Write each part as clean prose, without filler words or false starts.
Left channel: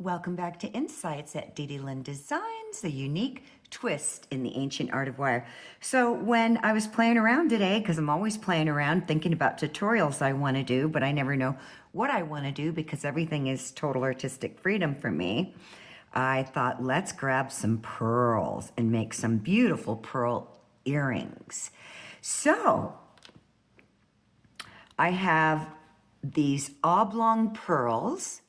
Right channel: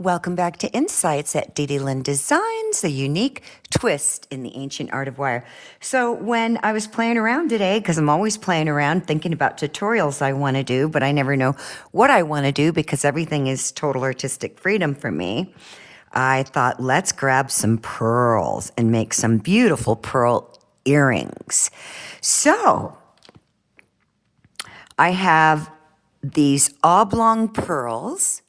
Welcome back to Insights at DDLynn Designs, a unique twist in the ancient art of wire. So when I was playing around today, because I'm always playing around thinking about tutorials I want to do, but I never know what I want to do because everything is total artistic freedom for me, I thought, let's grab some pearls and make some beautiful pearl earrings. So I have these oblong pearls,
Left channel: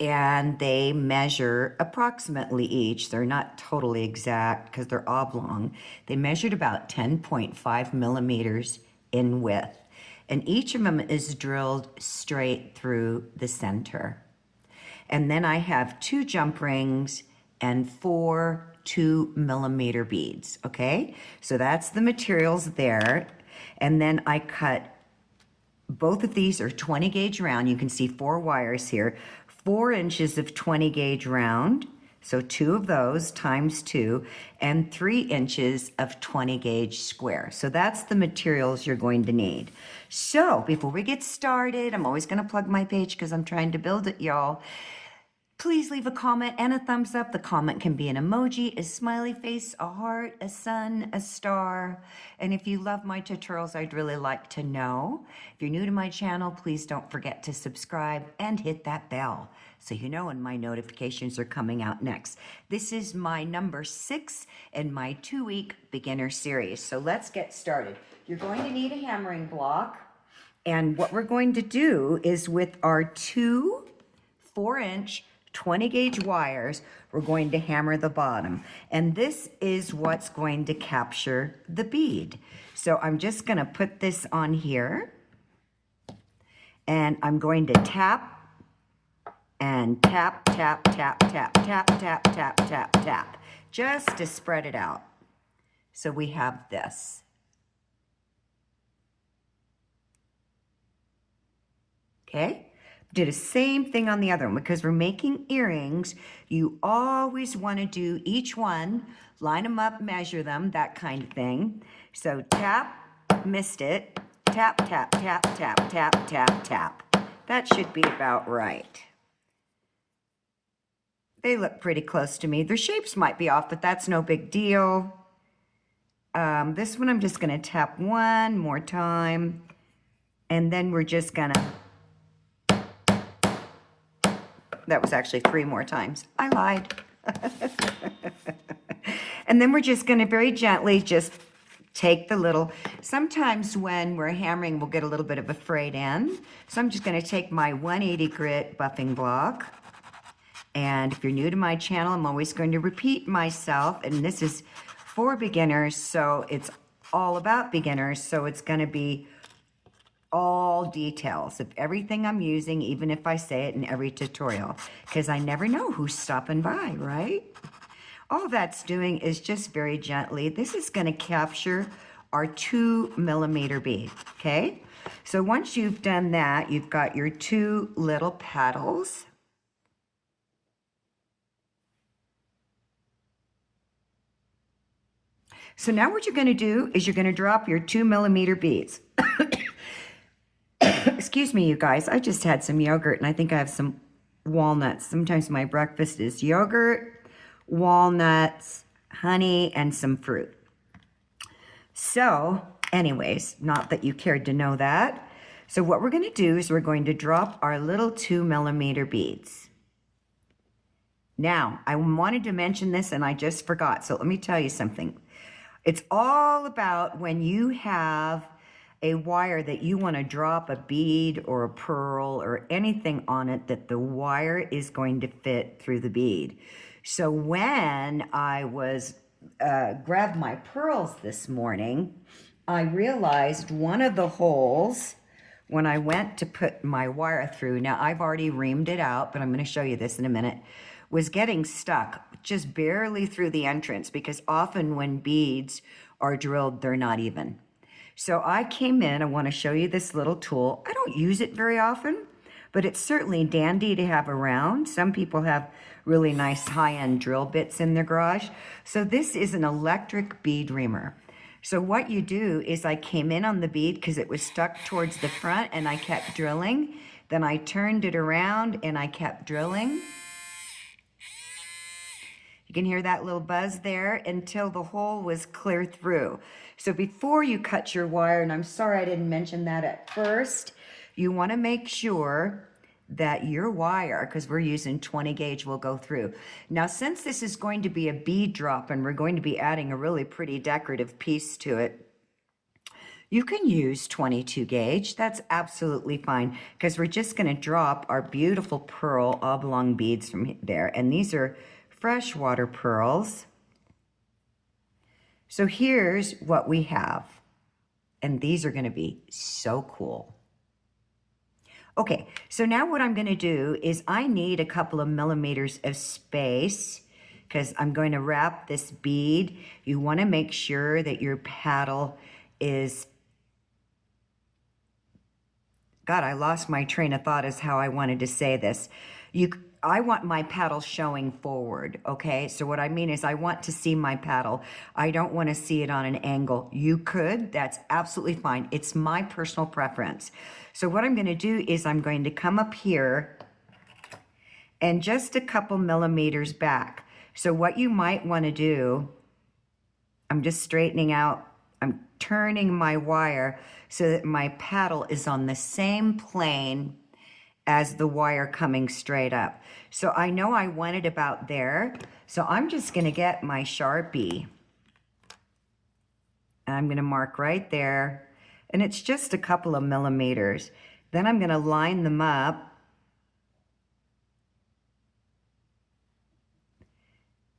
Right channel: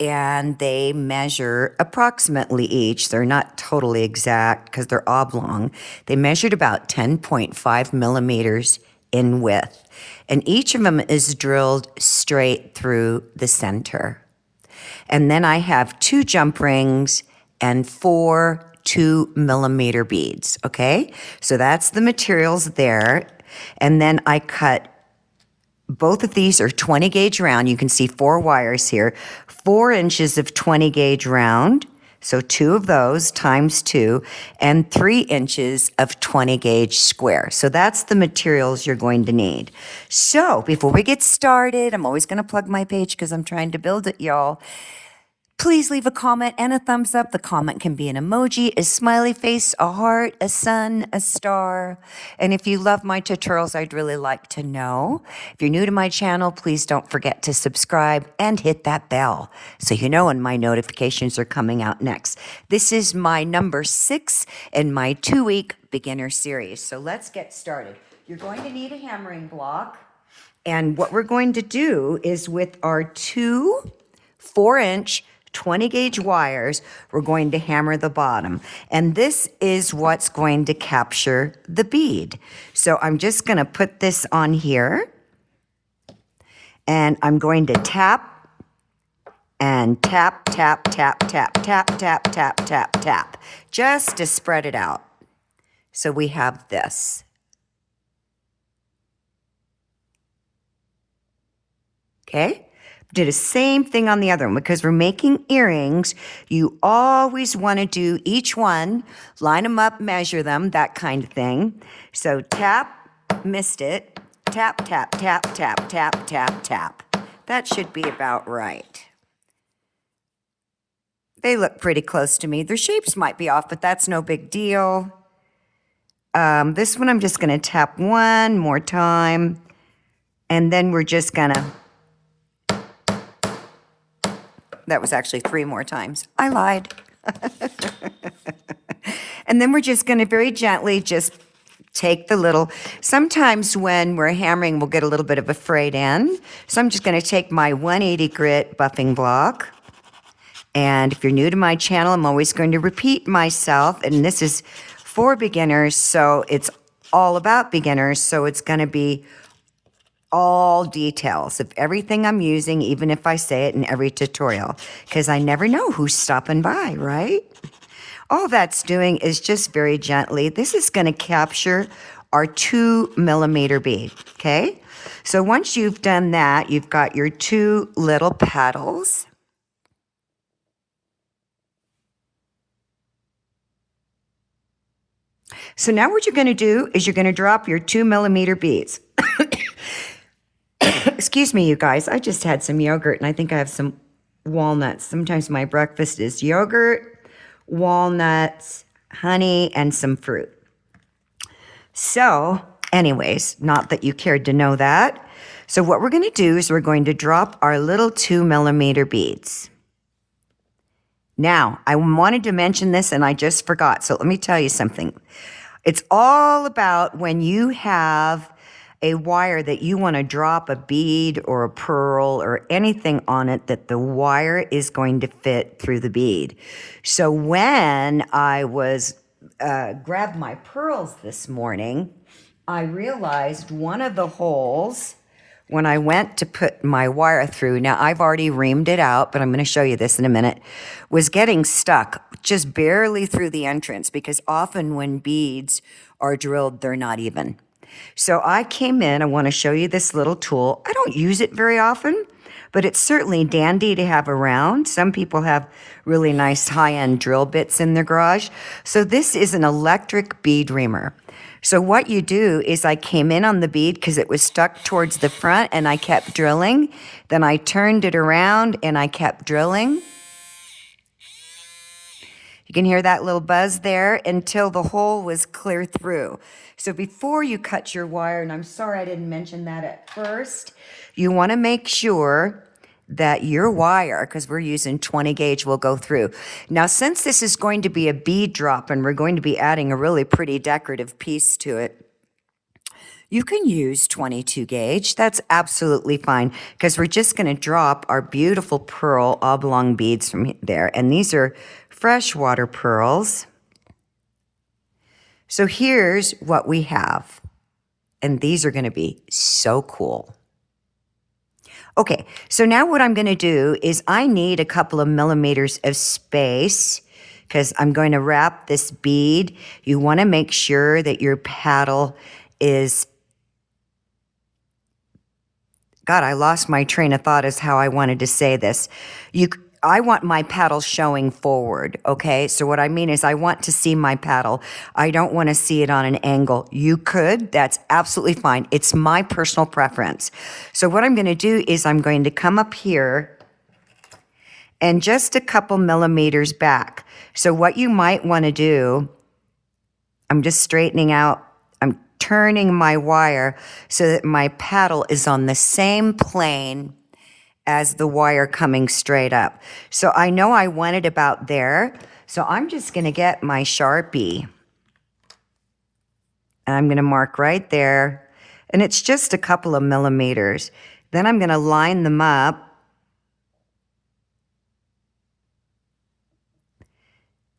and they measure approximately each. They're not totally exact because they're oblong. They measured about 10.5 millimeters in width, and each of them is drilled straight through the center. And then I have 2 jump rings and 4 2-millimeter beads, okay? So that's the materials there. And then I cut, both of these are 20 gauge round. You can see 4 wires here, 4 inches of 20 gauge round. So 2 of those times 2, and 3 inches of 20 gauge square. So that's the materials you're going to need. So before we get started, I'm always going to plug my page because I'm trying to build it, y'all. Please leave a comment and a thumbs up. The comment can be an emoji, a smiley face, a heart, a sun, a star. And if you love my tutorials, I'd really like to know. If you're new to my channel, please don't forget to subscribe and hit that bell so you know when my notifications are coming out next. This is my number 6 in my 2-week beginner series. So let's get started. You're going to need a hammering block. And what we're going to do is with our 2 4-inch 20 gauge wires, we're going to hammer the bottom. And this is what's going to capture the bead. So I'm just going to put this on here. And I'm going to tap and tap, tap, tap, tap, tap, tap, tap, tap, tap, just to spread it out. So we have this. Okay? Do the same thing on the other one. Because we're making earrings, you always want to do each one, line them up, measure them, that kind of thing. So tap, missed it, tap, tap, tap, tap, tap, tap, tap. That should be about right. They look pretty close to me. Their shapes might be off, but that's no big deal. This one I'm just going to tap one more time, and then we're just going to... That was actually 3 more times. I lied. And then we're just going to very gently just take the little, sometimes when we're hammering, we'll get a little bit of a frayed end. So I'm just going to take my 180 grit buffing block. And if you're new to my channel, I'm always going to repeat myself. And this is for beginners, so it's all about beginners. So it's going to be all details of everything I'm using, even if I say it in every tutorial, because I never know who's stopping by, right? All that's doing is just very gently. This is going to capture our 2-millimeter bead, okay? So once you've done that, you've got your 2 little petals. So now what you're going to do is you're going to drop your 2-millimeter beads. Excuse me, you guys. I just had some yogurt, and I think I have some walnuts. Sometimes my breakfast is yogurt, walnuts, honey, and some fruit. So, anyways, not that you cared to know that. So what we're going to do is we're going to drop our little 2-millimeter beads. Now, I wanted to mention this, and I just forgot. So let me tell you something. It's all about when you have a wire that you want to drop a bead or a pearl or anything on it, that the wire is going to fit through the bead. So when I was grabbed my pearls this morning, I realized one of the holes when I went to put my wire through, now I've already reamed it out, but I'm going to show you this in a minute, was getting stuck just barely through the entrance, because often when beads are drilled, they're not even. So I came in, I want to show you this little tool. I don't use it very often, but it's certainly dandy to have around. Some people have really nice high-end drill bits in their garage. So this is an electric bead reamer. So what you do is I came in on the bead because it was stuck towards the front, and I kept drilling. Then I turned it around and I kept drilling. You can hear that little buzz there until the hole was clear through. So before you cut your wire, and I'm sorry I didn't mention that at first, you want to make sure that your wire, because we're using 20 gauge, will go through. Now, since this is going to be a bead drop and we're going to be adding a really pretty decorative piece to it, you can use 22 gauge. That's absolutely fine because we're just going to drop our beautiful pearl oblong beads from there. And these are freshwater pearls. So here's what we have. And these are going to be so cool. Okay, so now what I'm going to do is I need a couple of millimeters of space because I'm going to wrap this bead. You want to make sure that your paddle is... God, I lost my train of thought is how I wanted to say this. I want my paddle showing forward, okay? So what I mean is I want to see my paddle. I don't want to see it on an angle. You could, that's absolutely fine. It's my personal preference. So what I'm going to do is I'm going to come up here and just a couple millimeters back. So what you might want to do, I'm just straightening out, I'm turning my wire so that my paddle is on the same plane as the wire coming straight up. So I know I want it about there. So I'm just gonna get my Sharpie. And I'm gonna mark right there. And it's just a couple of millimeters. Then I'm gonna line them up.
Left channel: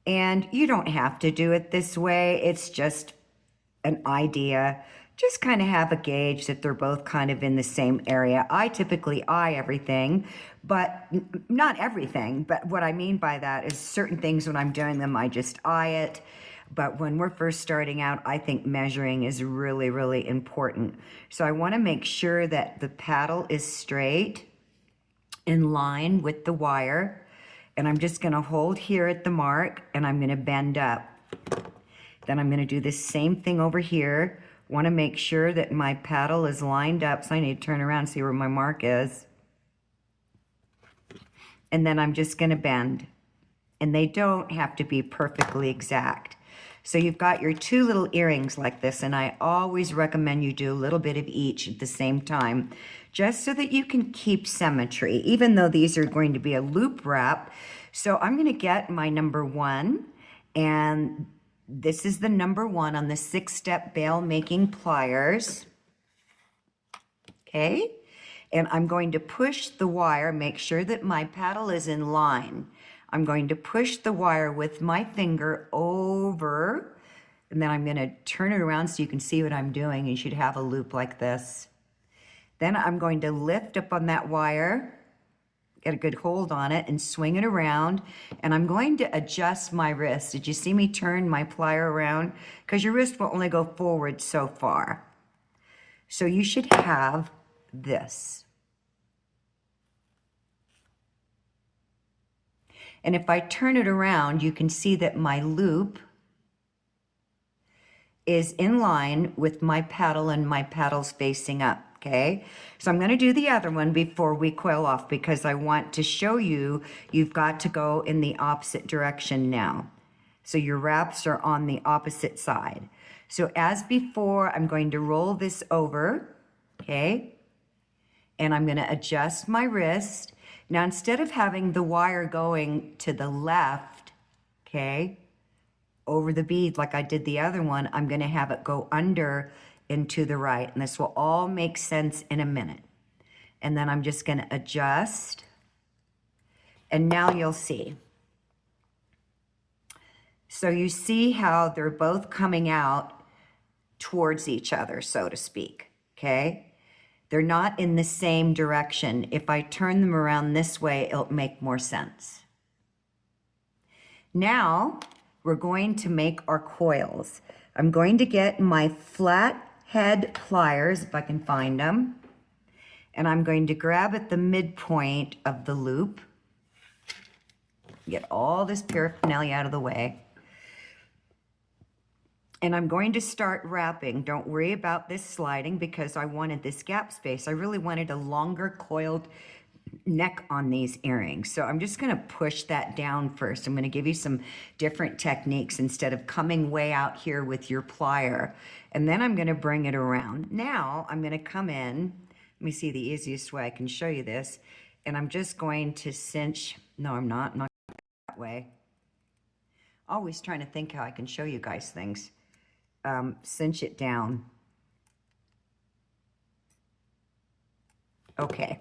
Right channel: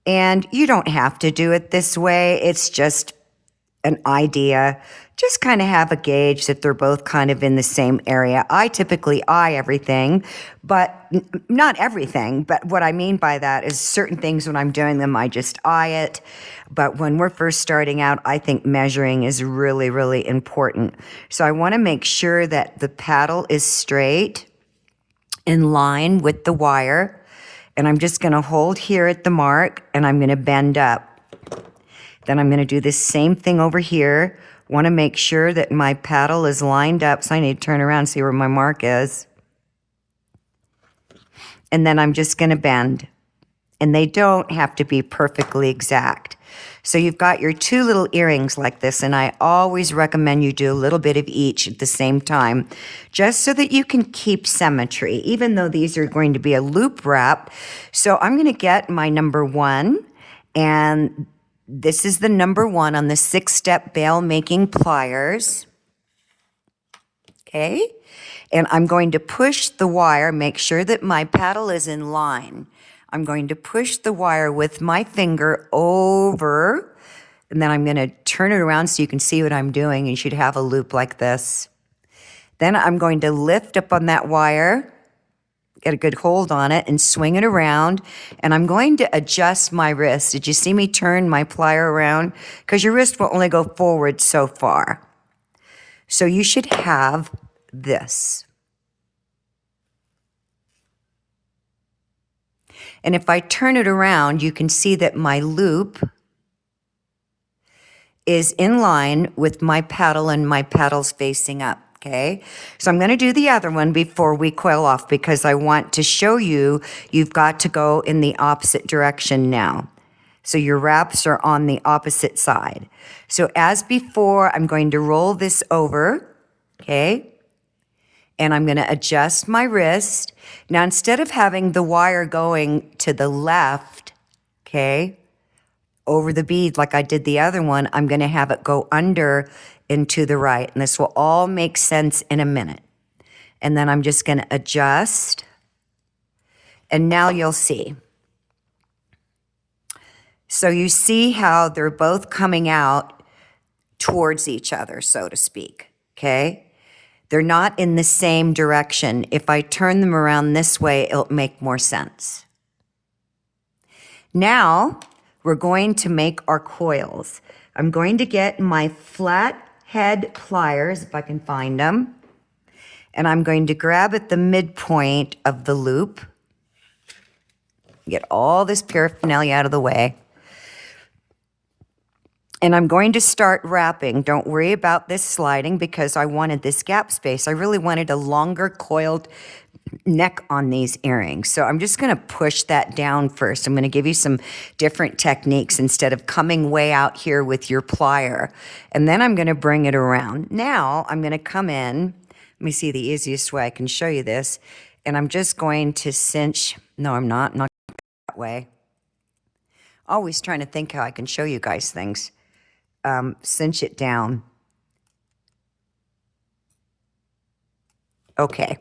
And you don't have to do it this way. It's just an idea. Just kind of have a gauge that they're both kind of in the same area. I typically eye everything, but not everything. But what I mean by that is certain things when I'm doing them, I just eye it. But when we're first starting out, I think measuring is really, really important. So I want to make sure that the paddle is straight in line with the wire. And I'm just going to hold here at the mark and I'm going to bend up. Then I'm going to do the same thing over here. Want to make sure that my paddle is lined up. So I need to turn around and see where my mark is. And then I'm just going to bend. And they don't have to be perfectly exact. So you've got your two little earrings like this. And I always recommend you do a little bit of each at the same time. Just so that you can keep symmetry. Even though these are going to be a loop wrap. So I'm going to get my number 1. And this is the number 1 on the 6-step bail making pliers. Okay. And I'm going to push the wire, make sure that my paddle is in line. I'm going to push the wire with my finger over, and then I'm going to turn it around so you can see what I'm doing. You should have a loop like this. Then I'm going to lift up on that wire, get a good hold on it, and swing it around. And I'm going to adjust my wrist. Did you see me turn my plier around? Because your wrist will only go forward so far. So you should have this. And if I turn it around, you can see that my loop is in line with my paddle and my paddle's facing up. Okay, so I'm going to do the other one before we coil off because I want to show you you've got to go in the opposite direction now. So your wraps are on the opposite side. So as before, I'm going to roll this over, okay? And I'm going to adjust my wrist. Now, instead of having the wire going to the left, okay, over the bead like I did the other one, I'm going to have it go under and to the right. And this will all make sense in a minute. And then I'm just going to adjust. And now you'll see. So you see how they're both coming out towards each other, so to speak, okay? They're not in the same direction. If I turn them around this way, it'll make more sense. Now, we're going to make our coils. I'm going to get my flat head pliers, if I can find them, and I'm going to grab at the midpoint of the loop, get all this paraphernalia out of the way, and I'm going to start wrapping. Don't worry about this sliding because I wanted this gap space. I really wanted a longer coiled neck on these earrings. So I'm just going to push that down first. I'm going to give you some different techniques instead of coming way out here with your plier. And then I'm going to bring it around. Now I'm going to come in. Let me see the easiest way I can show you this. And I'm just going to cinch. No, I'm not that way. Always trying to think how I can show you guys things. Cinch it down. Okay.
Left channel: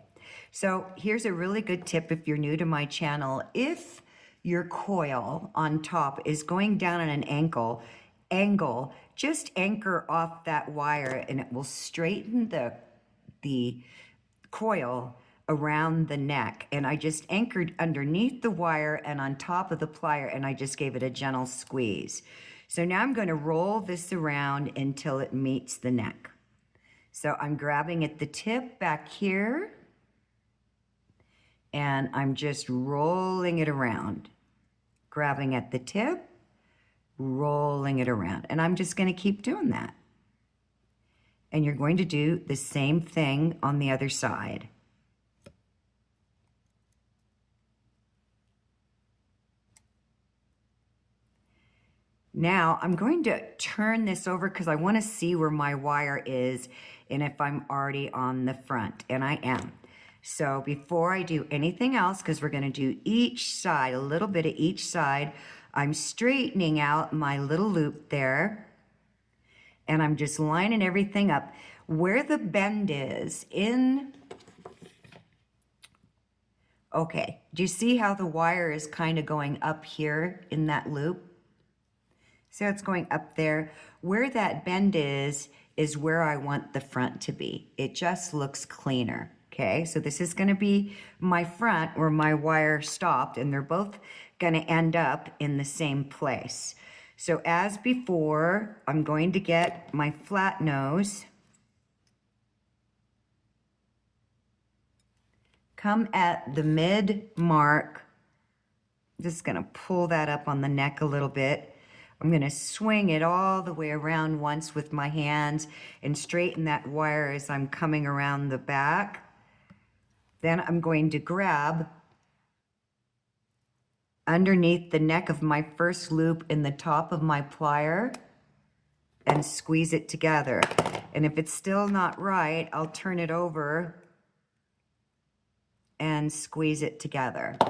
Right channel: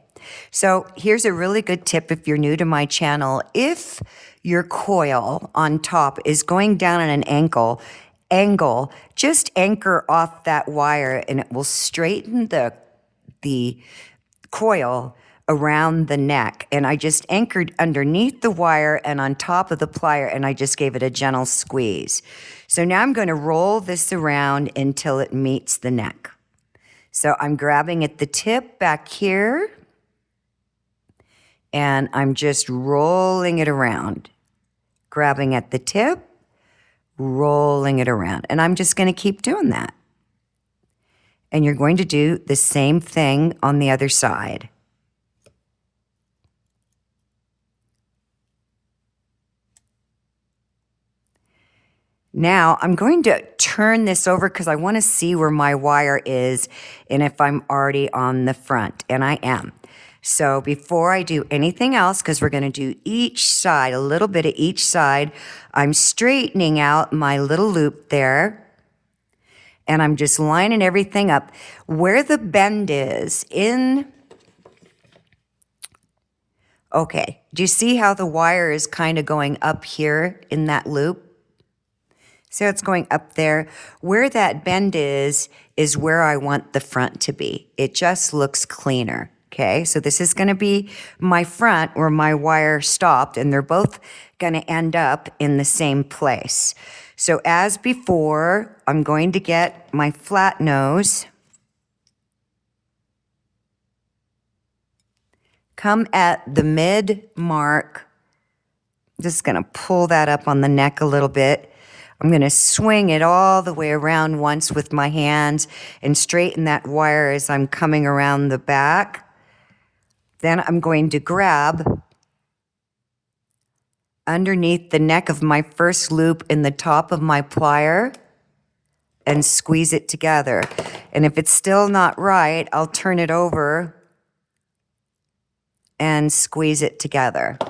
So here's a really good tip if you're new to my channel. If your coil on top is going down at an angle, just anchor off that wire and it will straighten the coil around the neck. And I just anchored underneath the wire and on top of the plier, and I just gave it a gentle squeeze. So now I'm going to roll this around until it meets the neck. So I'm grabbing at the tip back here, and I'm just rolling it around. Grabbing at the tip, rolling it around. And I'm just going to keep doing that. And you're going to do the same thing on the other side. Now I'm going to turn this over because I want to see where my wire is and if I'm already on the front, and I am. So before I do anything else, because we're going to do each side, a little bit of each side, I'm straightening out my little loop there, and I'm just lining everything up. Where the bend is in, okay, do you see how the wire is kind of going up here in that loop? So it's going up there. Where that bend is where I want the front to be. It just looks cleaner, okay? So this is gonna be my front where my wire stopped, and they're both gonna end up in the same place. So as before, I'm going to get my flat nose, come at the mid mark, just gonna pull that up on the neck a little bit. I'm going to swing it all the way around once with my hands and straighten that wire as I'm coming around the back. Then I'm going to grab underneath the neck of my first loop in the top of my plier and squeeze it together. And if it's still not right, I'll turn it over and squeeze it together.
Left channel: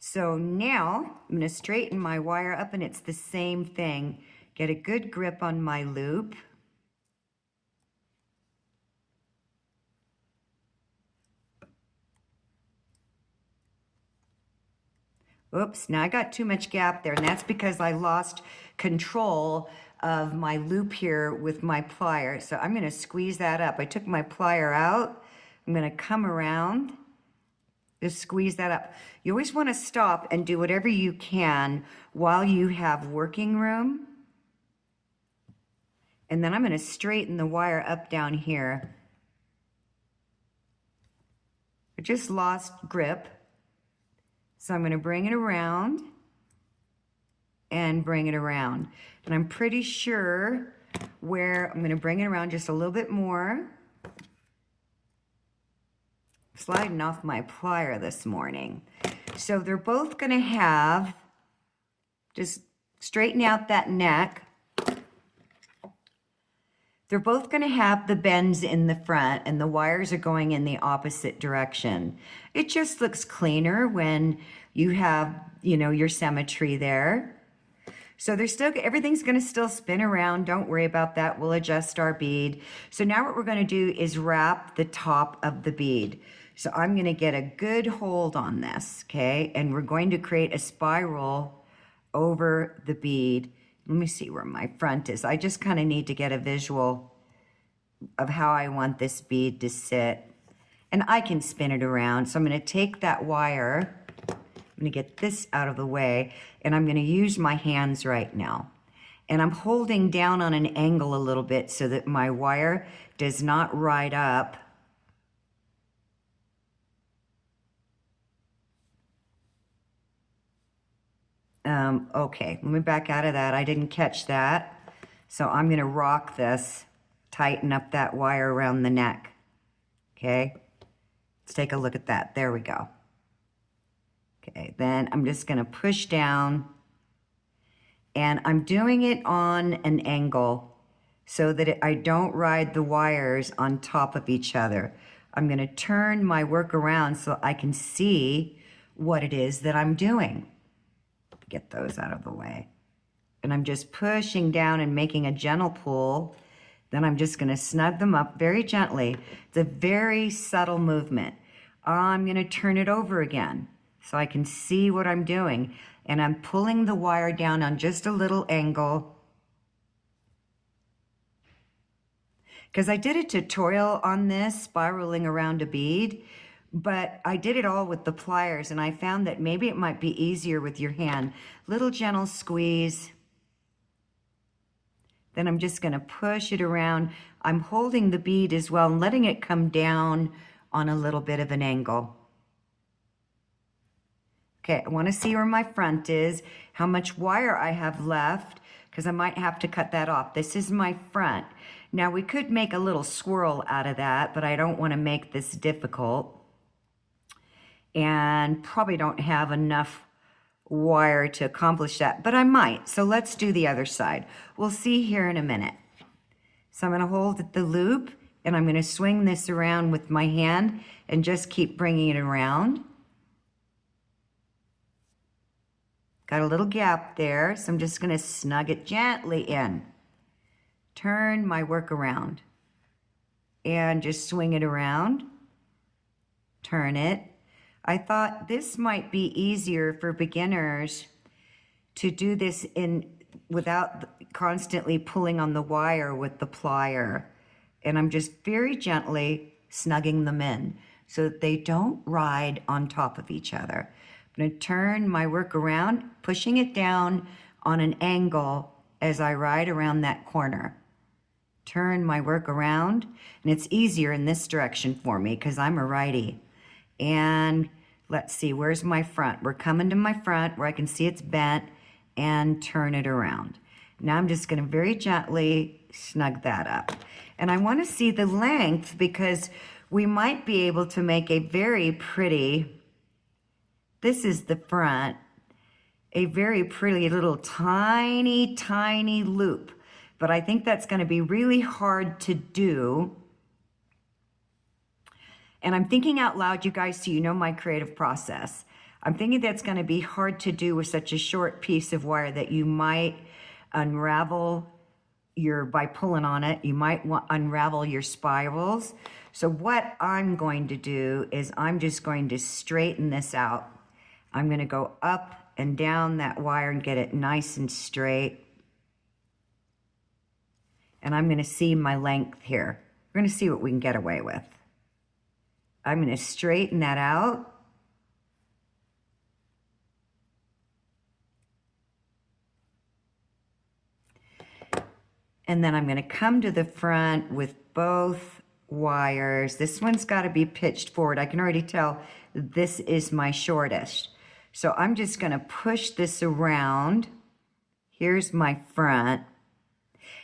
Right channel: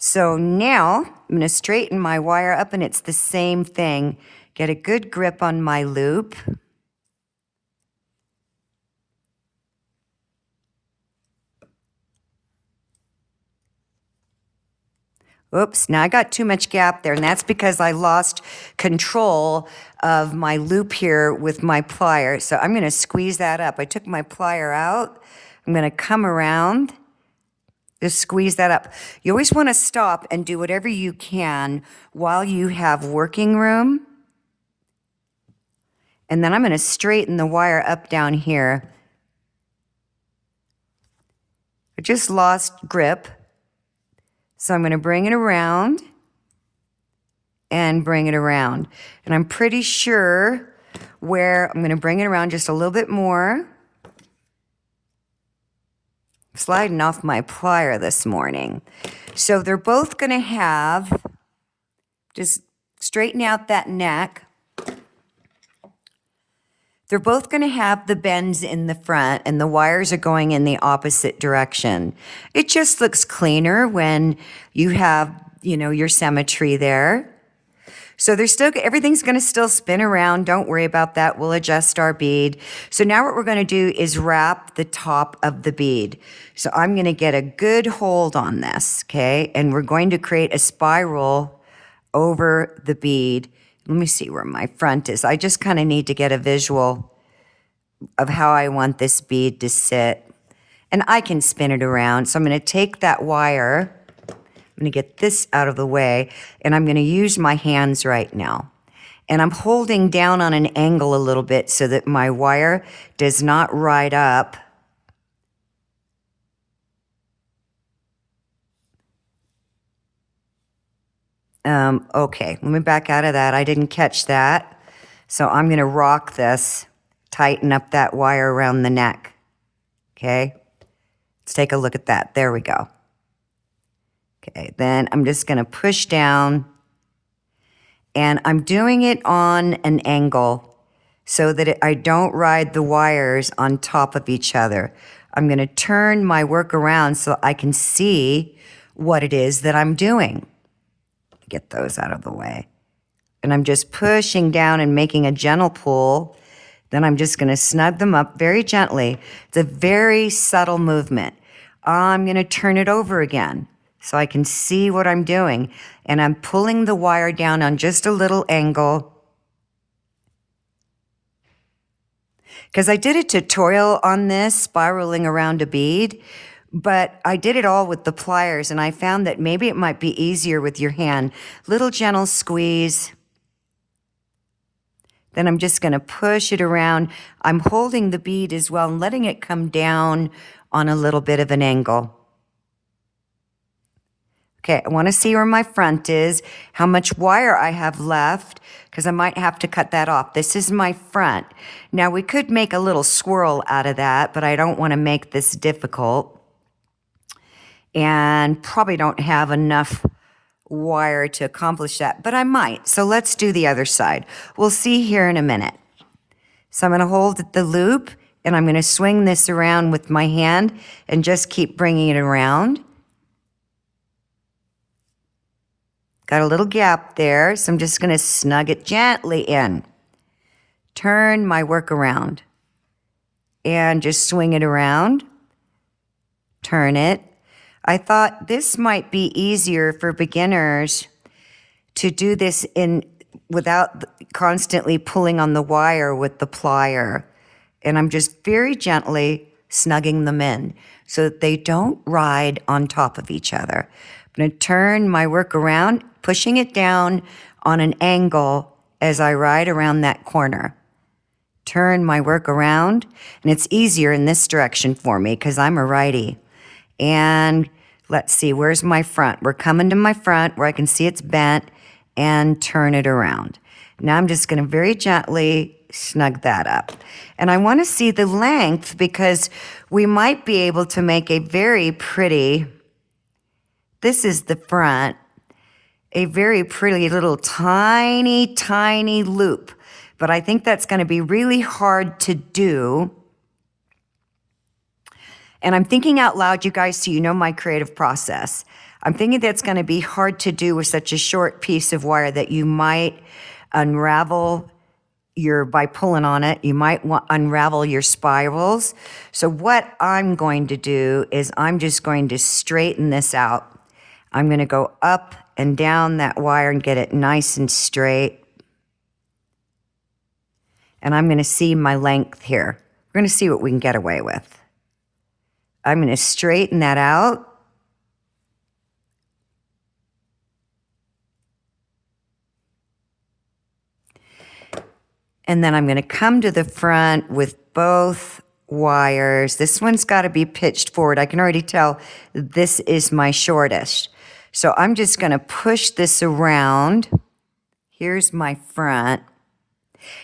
So now I'm going to straighten my wire up, and it's the same thing. Get a good grip on my loop. Oops, now I got too much gap there, and that's because I lost control of my loop here with my plier. So I'm going to squeeze that up. I took my plier out. I'm going to come around. Just squeeze that up. You always want to stop and do whatever you can while you have working room. And then I'm going to straighten the wire up down here. I just lost grip. So I'm going to bring it around and bring it around. And I'm pretty sure where I'm going to bring it around just a little bit more. Sliding off my plier this morning. So they're both going to have, just straighten out that neck. They're both going to have the bends in the front, and the wires are going in the opposite direction. It just looks cleaner when you have, your symmetry there. So everything's going to still spin around. Don't worry about that. We'll adjust our bead. So now what we're going to do is wrap the top of the bead. So I'm going to get a good hold on this, okay? And we're going to create a spiral over the bead. Let me see where my front is. I just kind of need to get a visual of how I want this bead to sit. And I can spin it around. So I'm going to take that wire. I'm going to get this out of the way, and I'm going to use my hands right now. And I'm holding down on an angle a little bit so that my wire does not ride up. Okay, let me back out of that. I didn't catch that. So I'm going to rock this, tighten up that wire around the neck. Okay? Let's take a look at that. There we go. Okay, then I'm just going to push down, and I'm doing it on an angle so that I don't ride the wires on top of each other. I'm going to turn my work around so I can see what it is that I'm doing. Get those out of the way. And I'm just pushing down and making a gentle pull. Then I'm just going to snug them up very gently. It's a very subtle movement. I'm going to turn it over again so I can see what I'm doing. And I'm pulling the wire down on just a little angle. Because I did a tutorial on this, spiraling around a bead, but I did it all with the pliers, and I found that maybe it might be easier with your hand. Little gentle squeeze. Then I'm just going to push it around. I'm holding the bead as well and letting it come down on a little bit of an angle. Okay, I want to see where my front is, how much wire I have left, because I might have to cut that off. This is my front. Now, we could make a little swirl out of that, but I don't want to make this difficult. And probably don't have enough wire to accomplish that, but I might. So let's do the other side. We'll see here in a minute. So I'm going to hold the loop, and I'm going to swing this around with my hand and just keep bringing it around. Got a little gap there, so I'm just going to snug it gently in. Turn my work around and just swing it around. Turn it. I thought this might be easier for beginners to do this without constantly pulling on the wire with the plier. And I'm just very gently snugging them in so that they don't ride on top of each other. I'm going to turn my work around, pushing it down on an angle as I ride around that corner. Turn my work around, and it's easier in this direction for me because I'm a righty. And let's see, where's my front? We're coming to my front where I can see it's bent, and turn it around. Now I'm just going to very gently snug that up. And I want to see the length because we might be able to make a very pretty, this is the front, a very pretty little tiny, tiny loop. But I think that's going to be really hard to do. And I'm thinking out loud, you guys, so you know my creative process. I'm thinking that's going to be hard to do with such a short piece of wire that you might unravel by pulling on it, you might unravel your spirals. So what I'm going to do is I'm just going to straighten this out. I'm going to go up and down that wire and get it nice and straight. And I'm going to see my length here. We're going to see what we can get away with. I'm going to straighten that out. And then I'm going to come to the front with both wires. This one's got to be pitched forward. I can already tell this is my shortest. So I'm just going to push this around. Here's my front.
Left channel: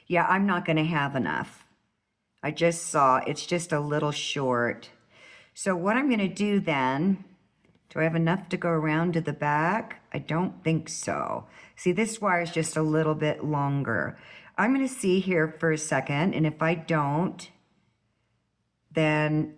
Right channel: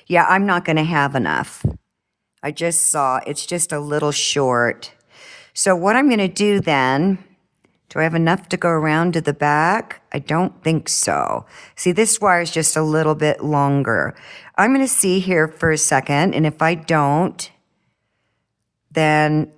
Yeah, I'm not going to have enough. I just saw it's just a little short. So what I'm going to do then, do I have enough to go around to the back? I don't think so. See, this wire is just a little bit longer. I'm going to see here for a second, and if I don't, then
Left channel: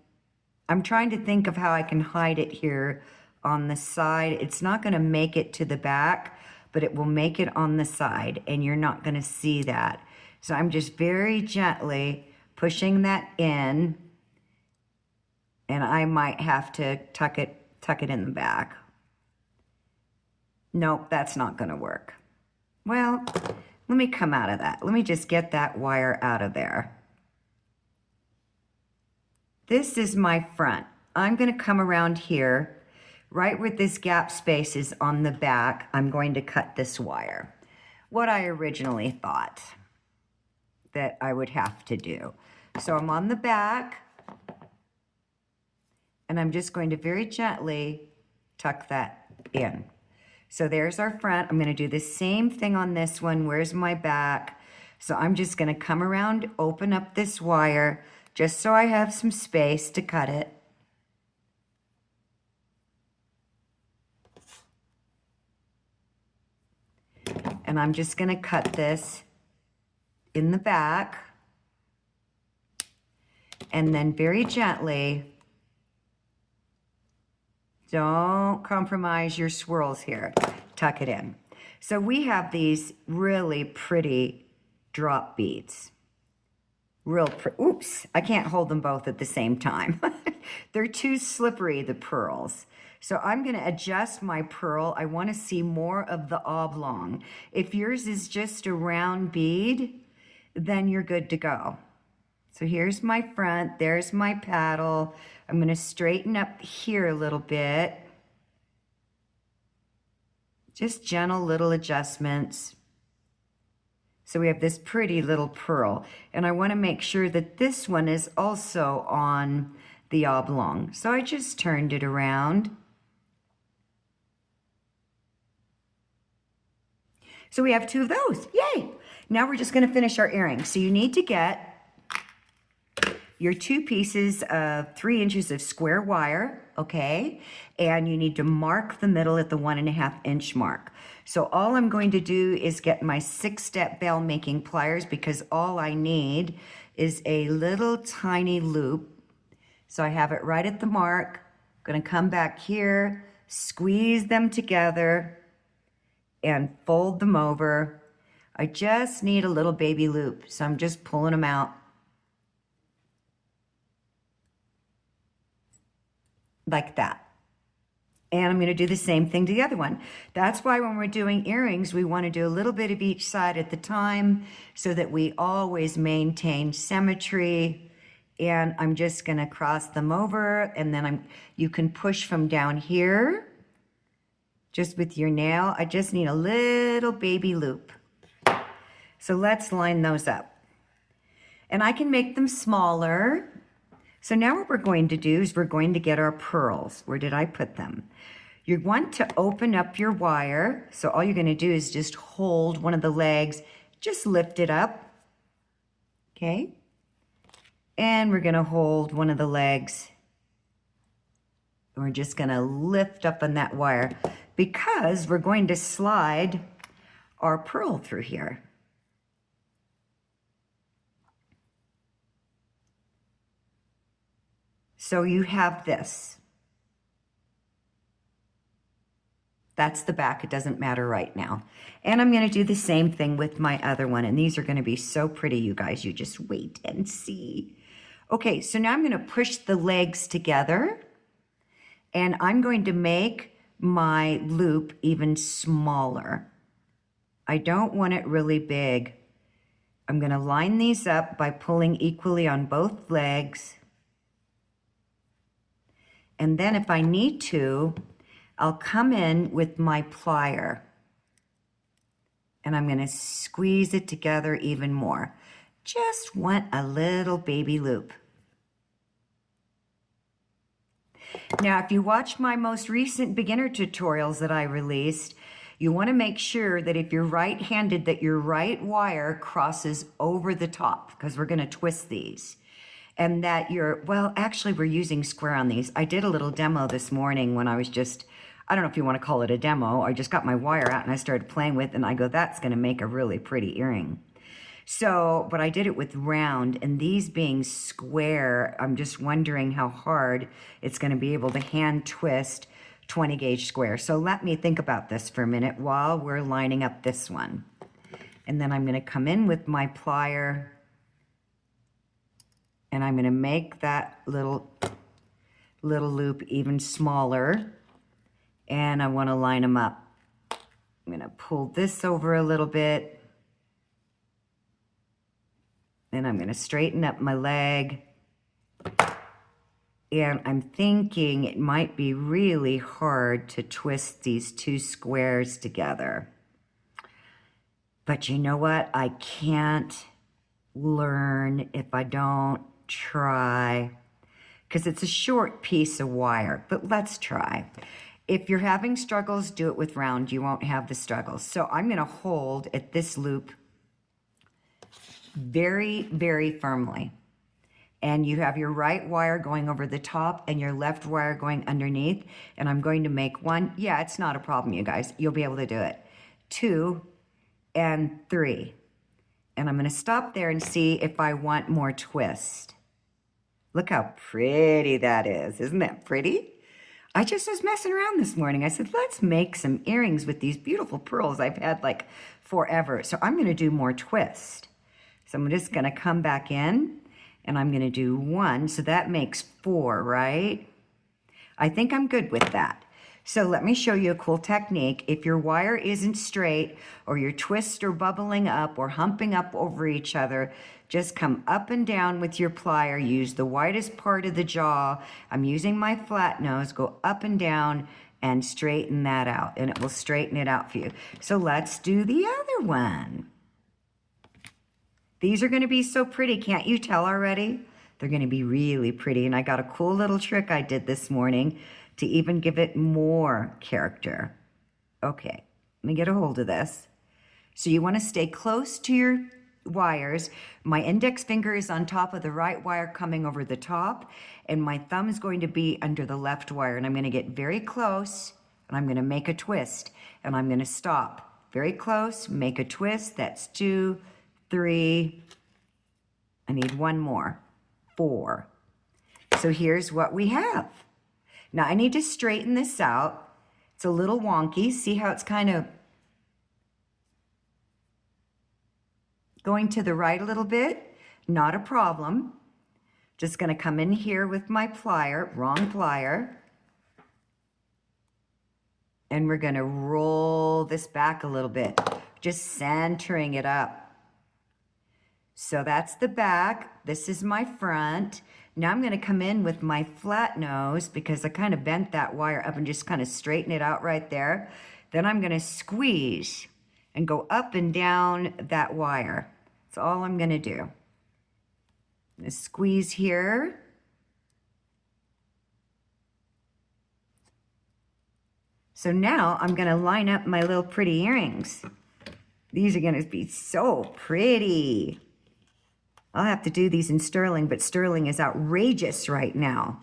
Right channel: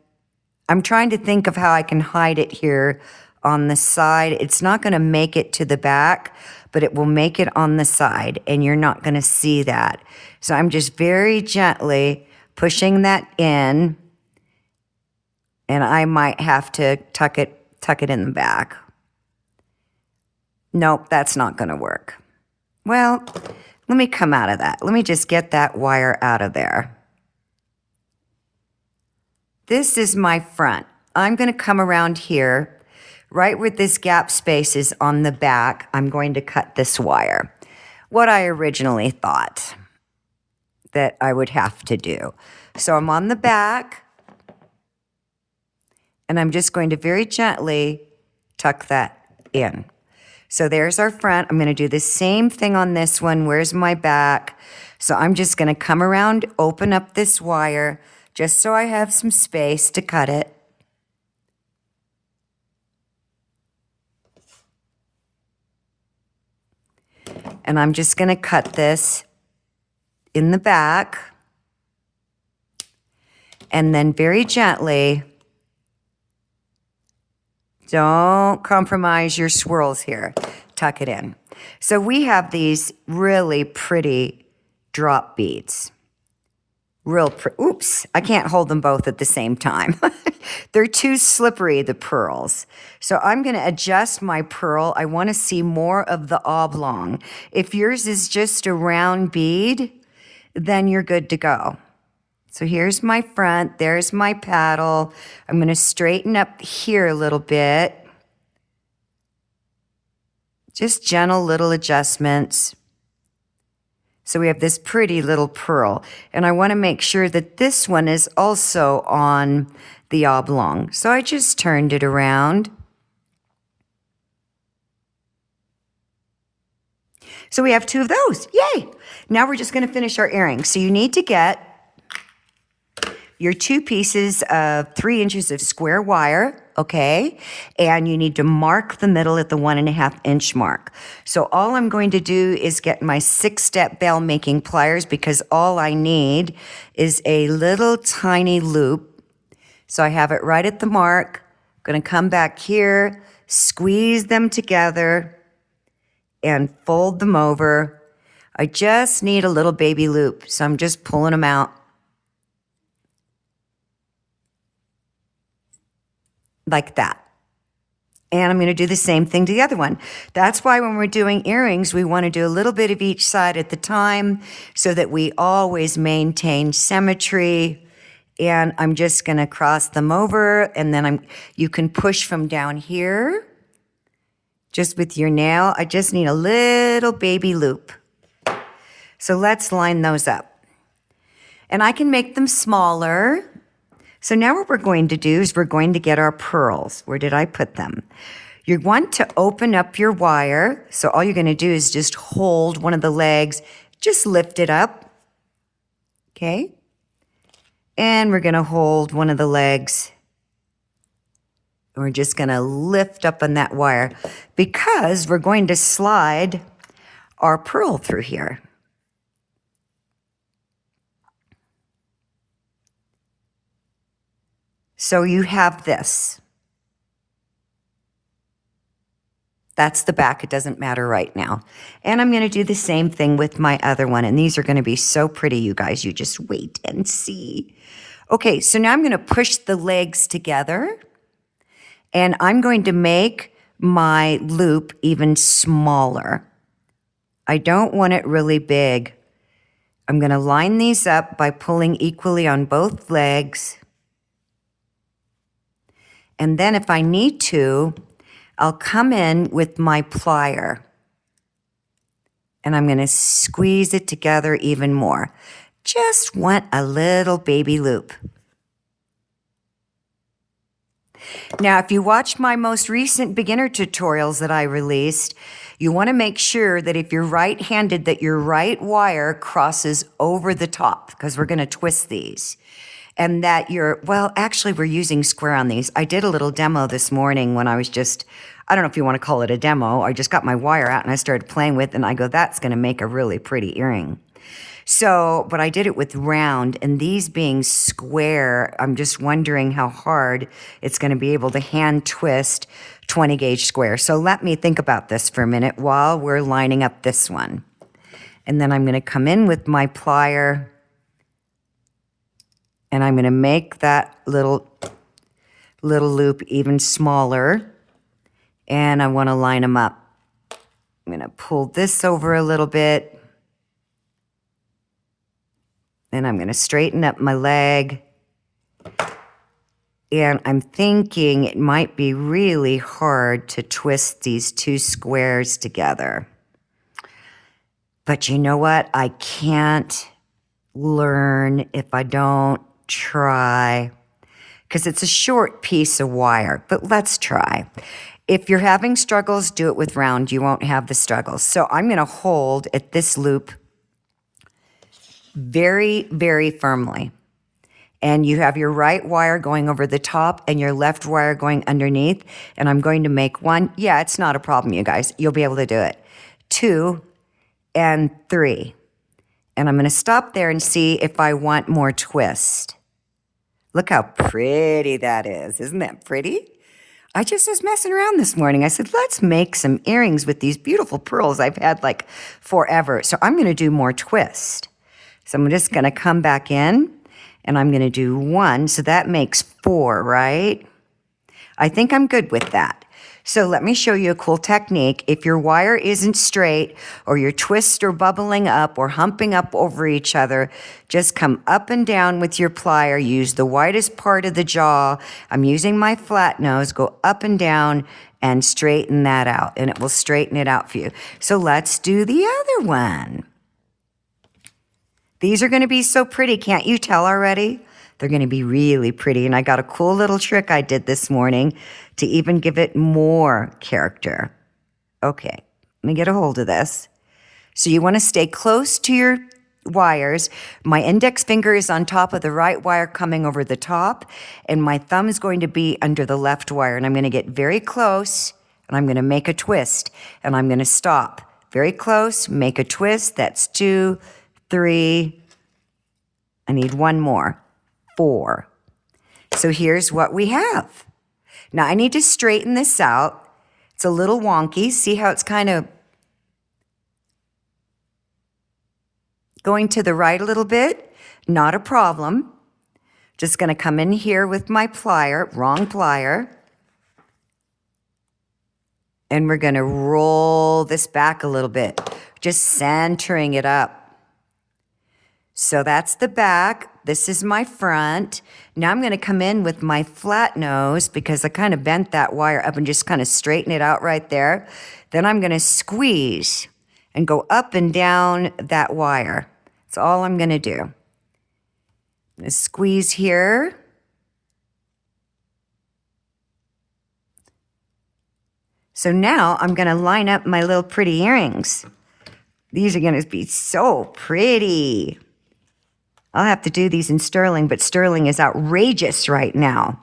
I'm trying to think of how I can hide it here on the side. It's not going to make it to the back, but it will make it on the side, and you're not going to see that. So I'm just very gently pushing that in, and I might have to tuck it in the back. Nope, that's not going to work. Well, let me come out of that. Let me just get that wire out of there. This is my front. I'm going to come around here, right where this gap space is on the back. I'm going to cut this wire. What I originally thought that I would have to do. So I'm on the back, and I'm just going to very gently tuck that in. So there's our front. I'm going to do the same thing on this one. Where's my back? So I'm just going to come around, open up this wire, just so I have some space to cut it. And I'm just going to cut this in the back. And then very gently, don't compromise your swirls here. Tuck it in. So we have these really pretty drop beads. Oops, I can't hold them both at the same time. They're too slippery, the pearls. So I'm going to adjust my pearl. I want to see more of the oblong. If yours is just a round bead, then you're good to go. So here's my front, there's my paddle. I'm going to straighten up here a little bit. Just gentle little adjustments. So we have this pretty little pearl. And I want to make sure that this one is also on the oblong. So I just turned it around. So we have two of those. Yay! Now we're just going to finish our earrings. So you need to get your 2 pieces of 3 inches of square wire, okay? And you need to mark the middle at the 1.5 inch mark. So all I'm going to do is get my 6-step bell making pliers, because all I need is a little tiny loop. So I have it right at the mark. I'm gonna come back here, squeeze them together, and fold them over. I just need a little baby loop, so I'm just pulling them out. Like that. And I'm going to do the same thing to the other one. That's why when we're doing earrings, we want to do a little bit of each side at the time so that we always maintain symmetry. And I'm just going to cross them over, and then you can push from down here just with your nail. I just need a little baby loop. So let's line those up. And I can make them smaller. So now what we're going to do is we're going to get our pearls. Where did I put them? You want to open up your wire. So all you're going to do is just hold one of the legs, just lift it up. Okay? And we're going to hold one of the legs. We're just going to lift up on that wire because we're going to slide our pearl through here. So you have this. That's the back. It doesn't matter right now. And I'm going to do the same thing with my other one. And these are going to be so pretty, you guys. You just wait and see. Okay, so now I'm going to push the legs together. And I'm going to make my loop even smaller. I don't want it really big. I'm going to line these up by pulling equally on both legs. And then if I need to, I'll come in with my plier. And I'm going to squeeze it together even more. Just want a little baby loop. Now, if you watch my most recent beginner tutorials that I released, you want to make sure that if you're right-handed, that your right wire crosses over the top, because we're going to twist these. And that well, actually, we're using square on these. I did a little demo this morning when I was I don't know if you want to call it a demo. I just got my wire out and I started playing with it, and I go, that's going to make a really pretty earring. So, but I did it with round, and these being square, I'm just wondering how hard it's going to be able to hand twist 20 gauge square. So let me think about this for a minute while we're lining up this one. And then I'm going to come in with my plier, and I'm going to make that little loop even smaller. And I want to line them up. I'm going to pull this over a little bit. And I'm going to straighten up my leg. And I'm thinking it might be really hard to twist these two squares together. But you know what? I can't learn if I don't try, because it's a short piece of wire, but let's try. If you're having struggles, do it with round. You won't have the struggles. So I'm going to hold at this loop very, very firmly. And you have your right wire going over the top and your left wire going underneath. And I'm going to make one. Yeah, it's not a problem, you guys. You'll be able to do it. 2, and 3. And I'm going to stop there and see if I want more twist. Look how pretty that is. Isn't that pretty? I just was messing around this morning. I said, let's make some earrings with these beautiful pearls I've had like forever. So I'm going to do more twist. So I'm just going to come back in and I'm going to do 1. So that makes 4, right? I think I'm good with that. So let me show you a cool technique. If your wire isn't straight or your twists are bubbling up or humping up over each other, just come up and down with your plier. Use the widest part of the jaw. I'm using my flat nose. Go up and down and straighten that out, and it will straighten it out for you. So let's do the other one. These are going to be so pretty. Can't you tell already? They're going to be really pretty. And I got a cool little trick I did this morning to even give it more character. Okay, let me get a hold of this. So you want to stay close to your wires. My index finger is on top of the right wire coming over the top, and my thumb is going to be under the left wire. And I'm going to get very close, and I'm going to make a twist, and I'm going to stop. Very close, make a twist. That's 2, 3. I need 1 more. 4. So here's what we have. Now I need to straighten this out. It's a little wonky. See how it's kind of going to the right a little bit? Not a problem. Just going to come in here with my plier, wrong plier. And we're going to roll this back a little bit, just centering it up. So that's the back. This is my front. Now I'm going to come in with my flat nose because I kind of bent that wire up and just kind of straighten it out right there. Then I'm going to squeeze and go up and down that wire. That's all I'm going to do. I'm going to squeeze here. So now I'm going to line up my little pretty earrings. These are going to be so pretty. I'll have to do these in sterling, but sterling is outrageous right now.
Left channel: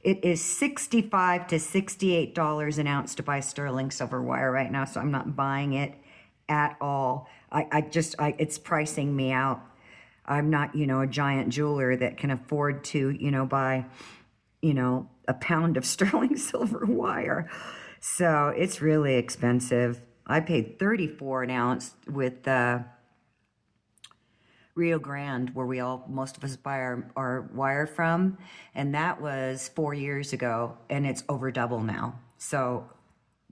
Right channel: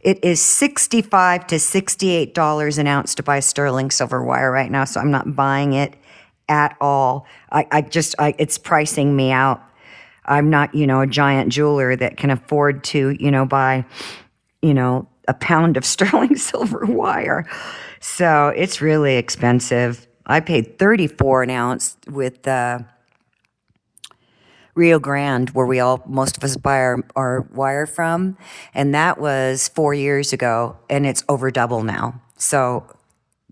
It is $65 to $68 an ounce to buy sterling silver wire right now, so I'm not buying it at all. It's pricing me out. I'm not, a giant jeweler that can afford to, buy, a pound of sterling silver wire. So it's really expensive. I paid $34 an ounce with Rio Grande, where most of us buy our wire from, and that was 4 years ago, and it's over double now. So,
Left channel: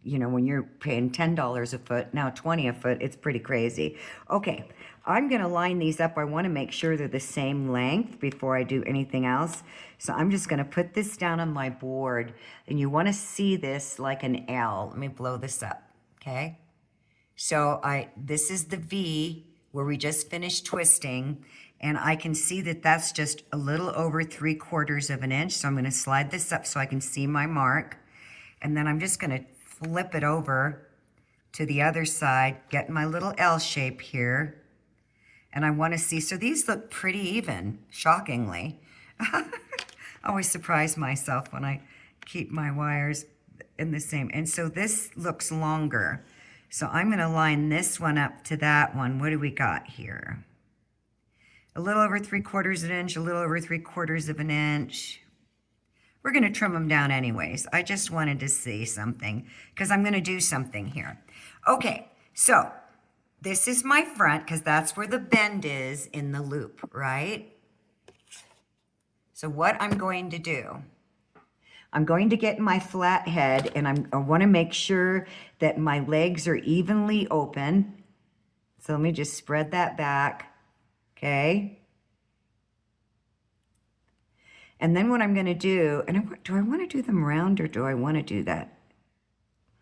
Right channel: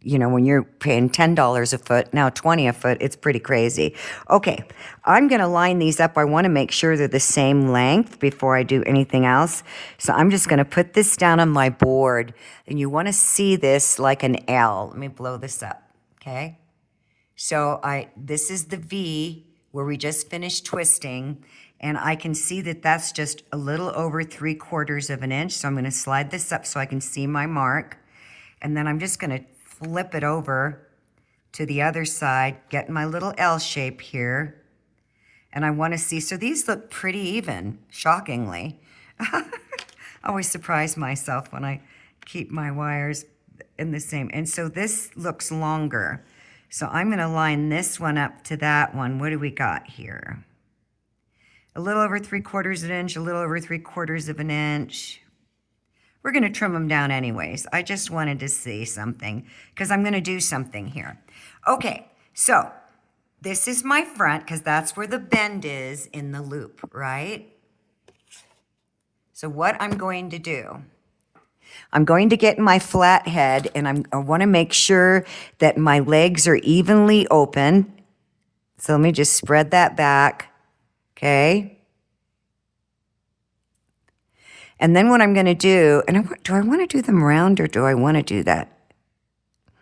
when you're paying $10 a foot, now $20 a foot, it's pretty crazy. Okay, I'm gonna line these up. I wanna make sure they're the same length before I do anything else. So I'm just gonna put this down on my board, and you wanna see this like an L. Let me blow this up, okay? So this is the V, where we just finished twisting, and I can see that that's just a little over 3/4 of an inch. So I'm going to slide this up so I can see my mark, and then I'm just going to flip it over to the other side, get my little L shape here, and I want to see. So these look pretty even, shockingly. I always surprise myself when I keep my wires in the same. And so this looks longer. So I'm going to line this one up to that one. What do we got here? A little over 3/4 of an inch, a little over 3/4 of an inch. We're going to trim them down anyways. I just wanted to see something because I'm going to do something here. Okay, so this is my front because that's where the bend is in the loop, right? So what I'm going to do, I'm going to get my flat head, and I want to make sure that my legs are evenly open. So let me just spread that back, okay? And then what I'm going to do, do I want to do them round or do I want to do that?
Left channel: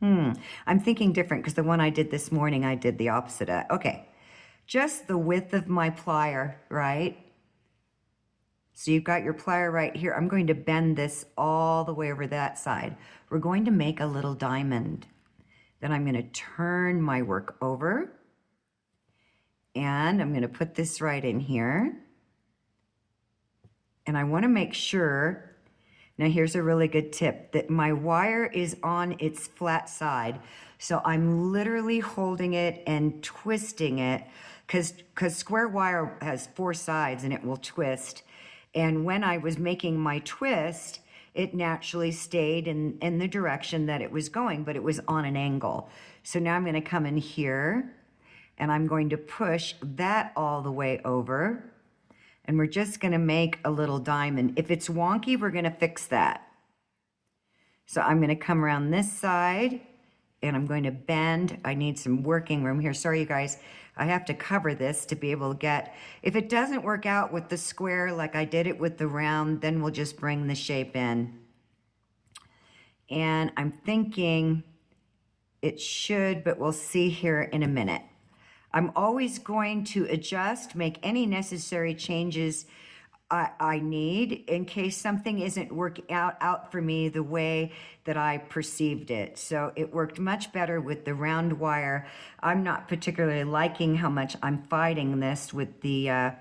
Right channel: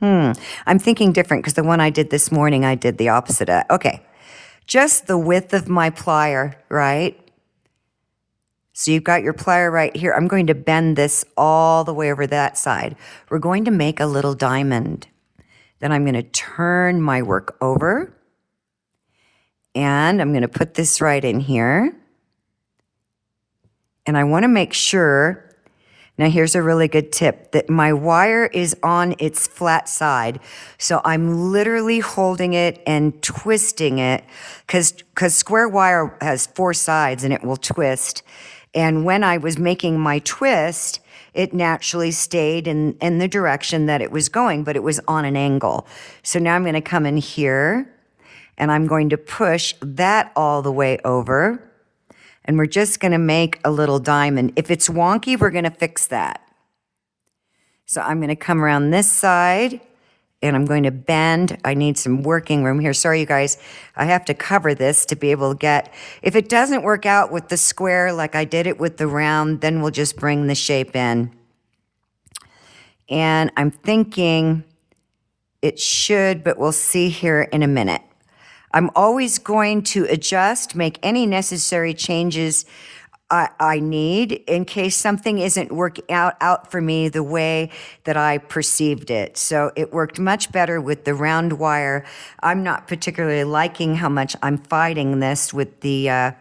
I'm thinking different because the one I did this morning, I did the opposite of. Okay, just the width of my plier, right? So you've got your plier right here. I'm going to bend this all the way over that side. We're going to make a little diamond. Then I'm going to turn my work over. And I'm going to put this right in here. And I want to make sure, Now here's a really good tip, that my wire is on its flat side. So I'm literally holding it and twisting it because square wire has 4 sides and it will twist. And when I was making my twist, it naturally stayed in the direction that it was going, but it was on an angle. So now I'm going to come in here and I'm going to push that all the way over. And we're just going to make a little diamond. If it's wonky, we're going to fix that. So I'm going to come around this side and I'm going to bend. I need some working room here. Sorry, you guys. I have to cover this to be able to get, if it doesn't work out with the square like I did it with the round, then we'll just bring the shape in. And I'm thinking it should, but we'll see here in a minute. I'm always going to adjust, make any necessary changes I need in case something isn't working out for me the way that I perceived it. So it worked much better with the round wire. I'm not particularly liking how much I'm fighting this with the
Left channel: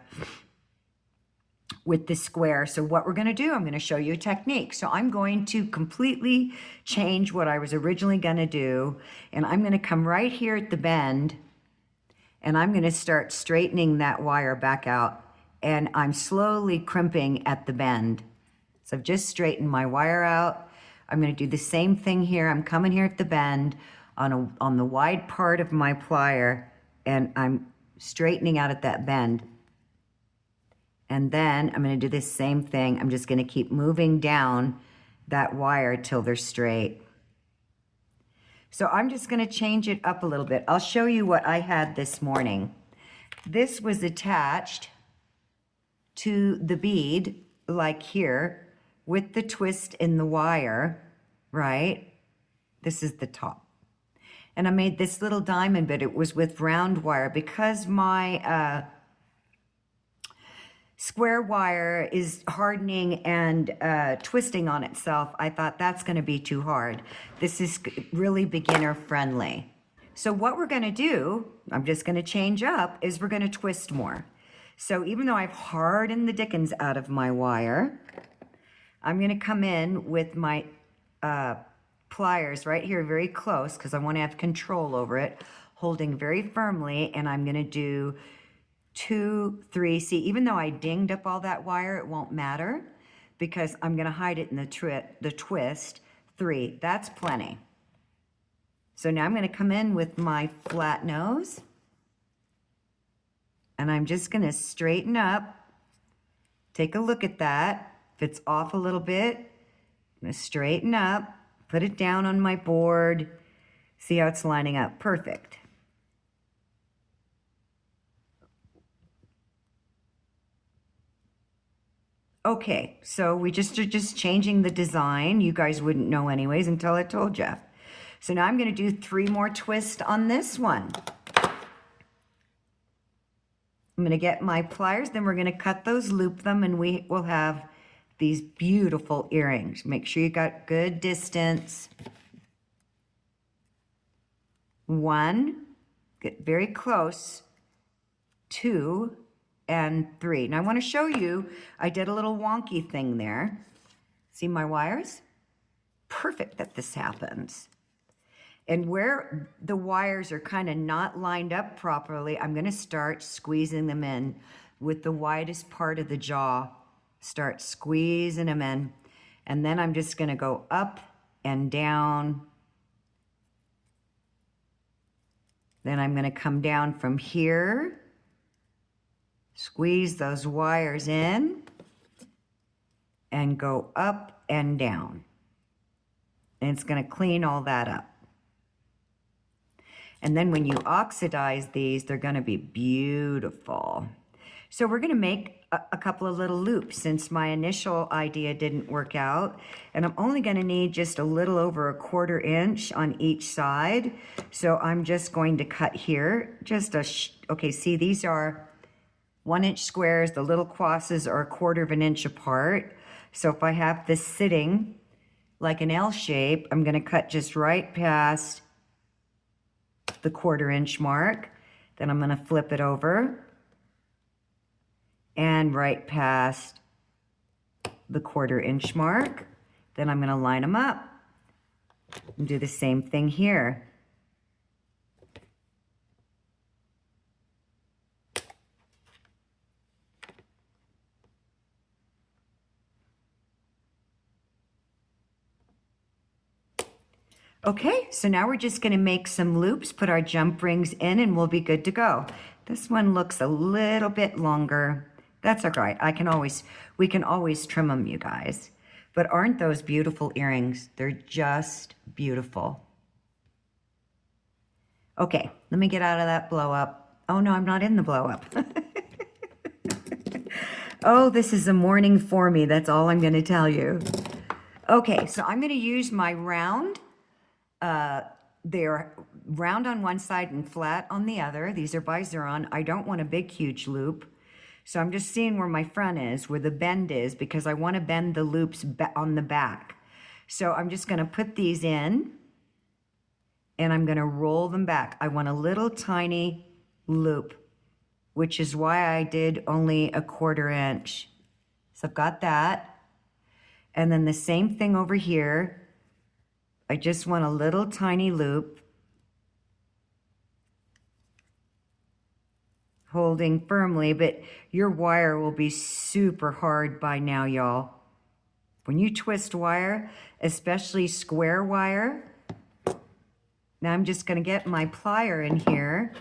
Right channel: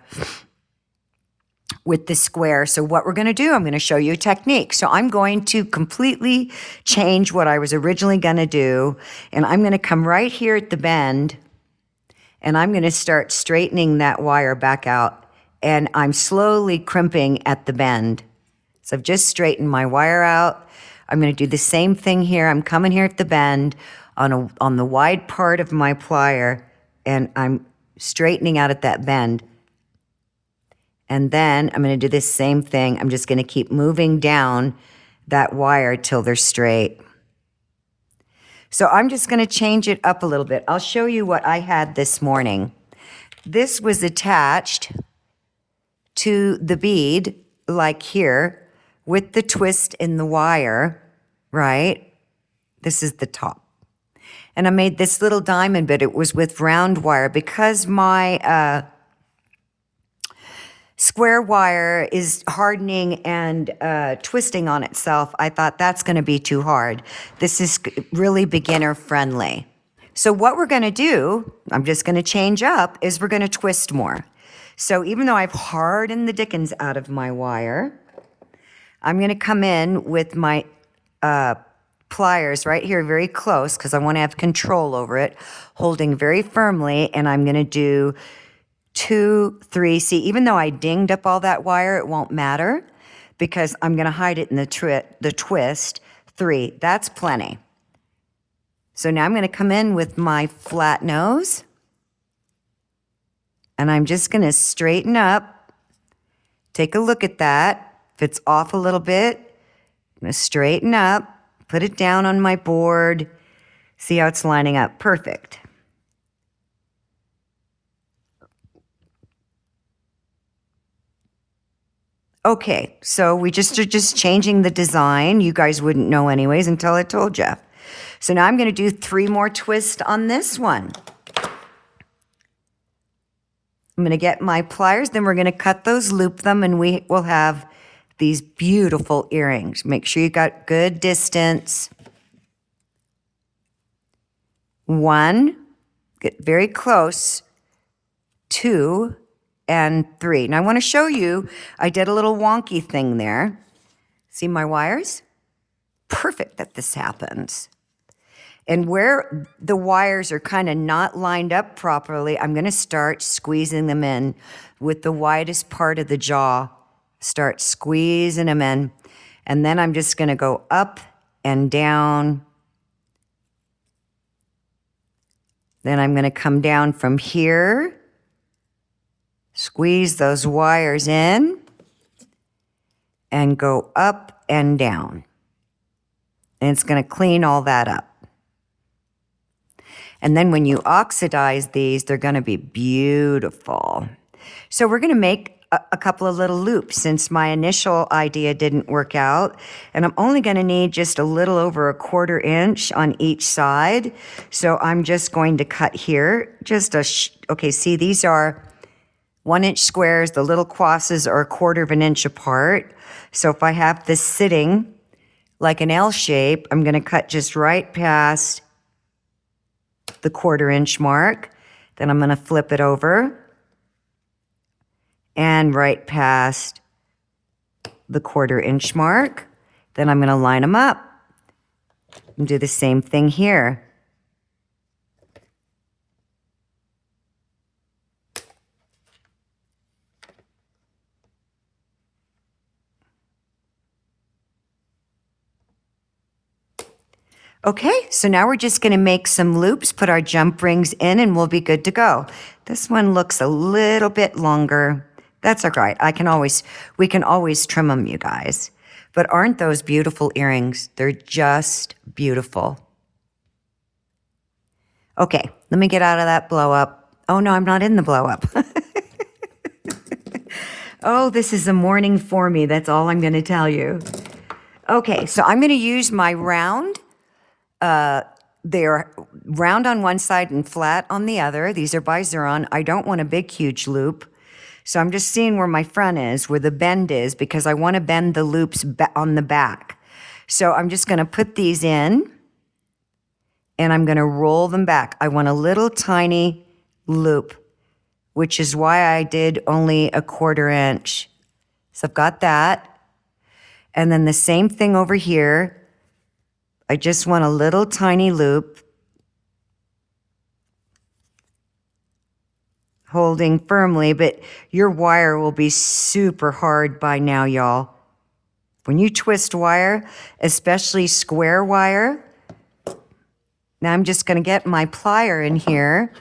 square. So what we're going to do, I'm going to show you a technique. So I'm going to completely change what I was originally going to do, and I'm going to come right here at the bend, and I'm going to start straightening that wire back out. And I'm slowly crimping at the bend. So I've just straightened my wire out. I'm going to do the same thing here. I'm coming here at the bend on the wide part of my plier, and I'm straightening out at that bend. And then I'm going to do the same thing. I'm just going to keep moving down that wire till they're straight. So I'm just going to change it up a little bit. I'll show you what I had this morning. This was attached to the bead, like here, with the twist in the wire, right? This is the top. And I made this little diamond, but it was with round wire. Because my square wire is hardening and twisting on itself, I thought that's gonna be too hard. This is really beginner friendly. So what we're gonna do, I'm just gonna change up, is we're gonna twist more. So even though I've hardened the dickens out of my wire, I'm going to come in with my pliers right here very close because I want to have control over it, holding very firmly, and I'm going to do 2, 3. See, even though I dinged up all that wire, it won't matter because I'm going to hide it in the twist. 3, that's plenty. So now I'm going to come in with my flat nose. And I'm just going to straighten up. Take a look at that. If it's off a little bit, I'm going to straighten up, put it down on my board. See how it's lining up. Perfect. Okay, so we are just changing the design. You guys wouldn't know anyways until I told you. So now I'm going to do 3 more twists on this one. I'm going to get my pliers, then we're going to cut those, loop them, and we will have these beautiful earrings. Make sure you got good distance. 1, get very close, 2, and 3. Now I want to show you, I did a little wonky thing there. See my wires? Perfect that this happens. And where the wires are kind of not lined up properly, I'm going to start squeezing them in with the widest part of the jaw. Start squeezing them in. And then I'm just going to go up and down. Then I'm going to come down from here. Squeeze those wires in. And go up and down. And it's going to clean all that up. And then when you oxidize these, they're going to be beautiful. So we're going to make a couple of little loops since my initial idea didn't work out. And I'm only going to need just a little over 1/4 inch on each side. So I'm just going to cut here. Okay, see, these are 1-inch squares. The little crosses are 1/4 inch apart. So if I have this sitting like an L shape, I'm going to cut just right past the 1/4 inch mark. Then I'm going to flip it over and right past the 1/4 inch mark. Then I'm going to line them up and do the same thing here. Okay, so now we're just going to make some loops, put our jump rings in, and we'll be good to go. This one looks a little bit longer. That's all right. We can always trim them, you guys. But aren't those beautiful earrings? They're just beautiful. Okay, let me get out of that blow up. Oh no, I'm not in the blow up. Oh, this is a morning for me. That's all I'm going to tell you. Okay, so I'm going to use my round. They're round on one side and flat on the other. These are by Xuron. I don't want a big, huge loop. So I'm just seeing where my front is, where the bend is, because I want to bend the loops on the back. So I'm just going to put these in, and I'm going to roll them back. I want a little tiny loop, which is why I did only a 1/4 inch. So I've got that. And then the same thing over here. I just want a little tiny loop, holding firmly, but your wire will be super hard by now, y'all. When you twist wire, especially square wire, now I'm just gonna get my plier in here,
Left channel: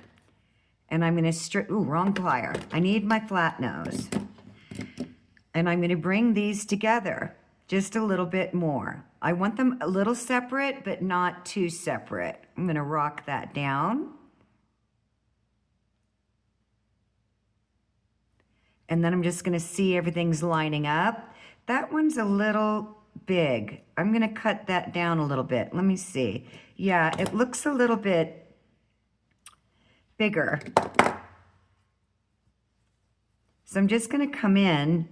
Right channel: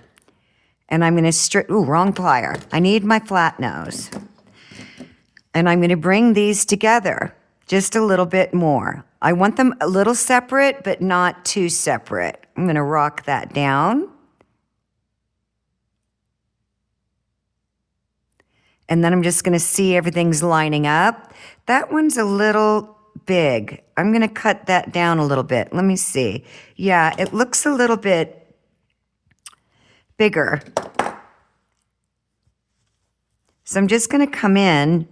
and I'm gonna wrong plier. I need my flat nose. And I'm gonna bring these together just a little bit more. I want them a little separate, but not too separate. I'm going to rock that down. And then I'm just going to see everything's lining up. That one's a little big. I'm going to cut that down a little bit. Let me see. Yeah, it looks a little bit bigger. So I'm just going to come in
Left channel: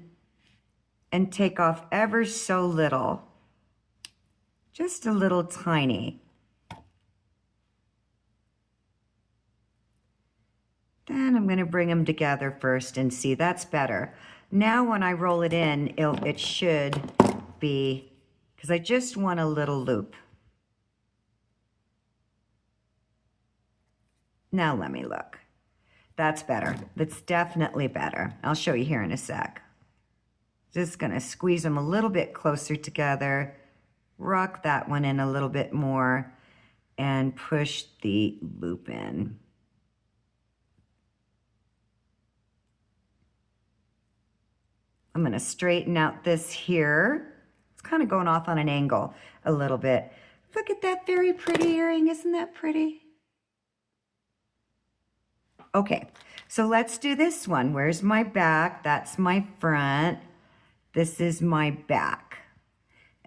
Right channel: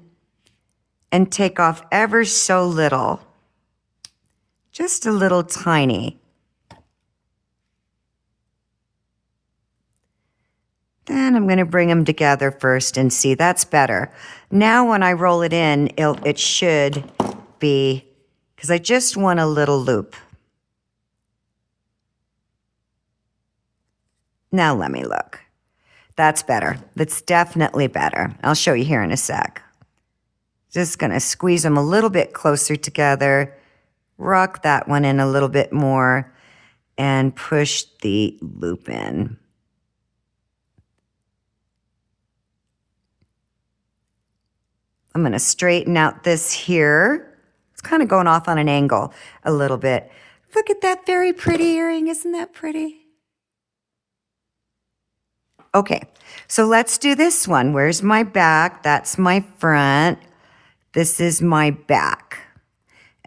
and take off ever so little. Just a little tiny. Then I'm going to bring them together first and see. That's better. Now when I roll it in, it should be, because I just want a little loop. Now let me look. That's better. That's definitely better. I'll show you here in a sec. Just going to squeeze them a little bit closer together. Rock that one in a little bit more and push the loop in. I'm going to straighten out this here. It's kind of going off on an angle a little bit. Look at that very pretty earring. Isn't that pretty? Okay, so let's do this one. Where's my back? That's my front. This is my back.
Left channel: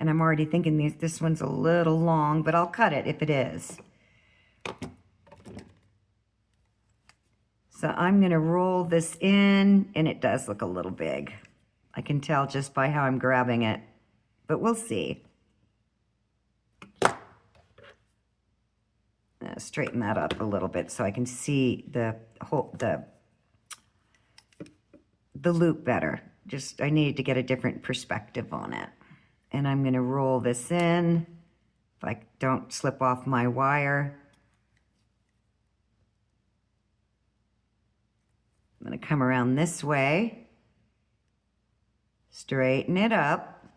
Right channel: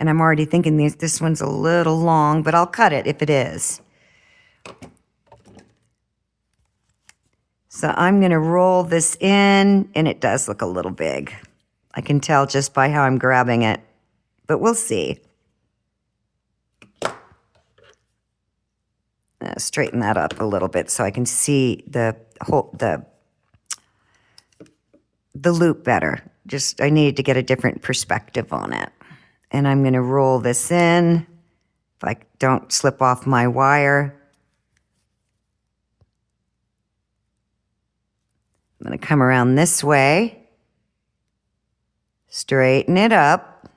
And I'm already thinking this one's a little long, but I'll cut it if it is. So I'm going to roll this in, and it does look a little big. I can tell just by how I'm grabbing it, but we'll see. Straighten that up a little bit so I can see the loop better. Just, I needed to get a different perspective on it. And I'm going to roll this in, if I don't slip off my wire. I'm going to come around this way, straighten it up,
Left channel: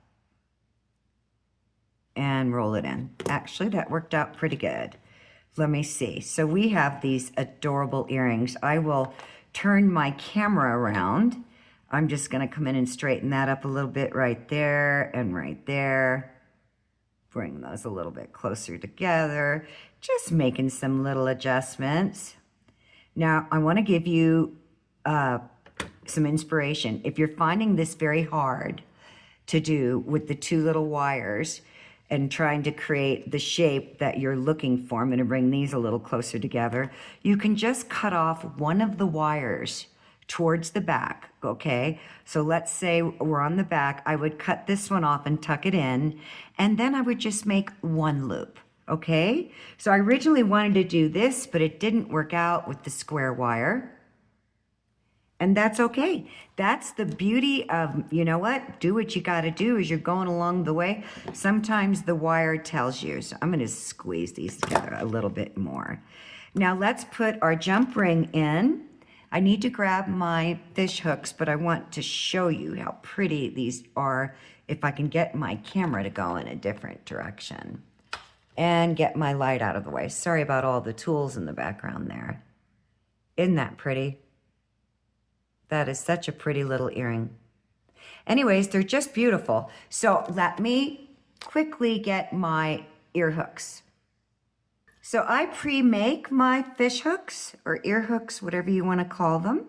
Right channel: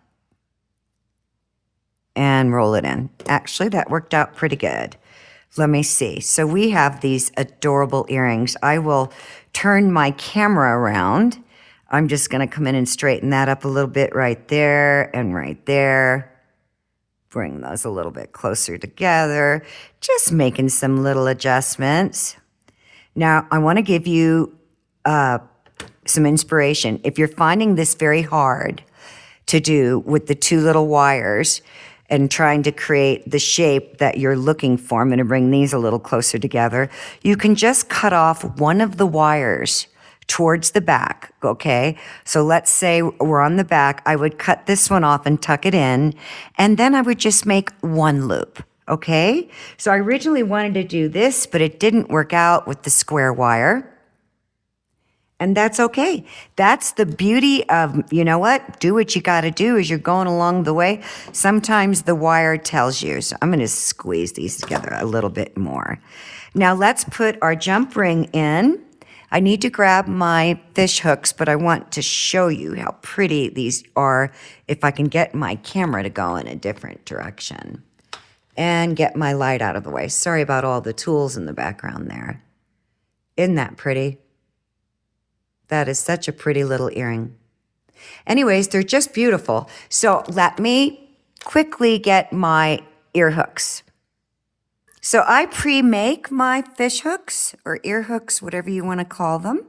and roll it in. Actually, that worked out pretty good. Let me see. So we have these adorable earrings. I will turn my camera around. I'm just going to come in and straighten that up a little bit right there and right there. Bring those a little bit closer together. Just making some little adjustments. Now, I want to give you some inspiration. If you're finding this very hard to do with the two little wires and trying to create the shape that you're looking for, I'm going to bring these a little closer together. You can just cut off one of the wires towards the back, okay? So let's say we're on the back. I would cut this one off and tuck it in, and then I would just make one loop, okay? So I originally wanted to do this, but it didn't work out with the square wire. And that's okay. That's the beauty of, you know what? Do what you got to do as you're going along the way. Sometimes the wire tells you. So I'm going to squeeze these together a little bit more. Now let's put our jump ring in. I need to grab my fish hooks, but I want to show you how pretty these are if I can get my camera to go in a different direction. And get my light out of the way. Sorry about all the tools in the background there. Isn't that pretty? That is such a pretty little earring. Anyways, they're just beautiful. So let me quickly get my ear hooks. So I pre-make my fish hooks or ear hooks, whatever you want to call them.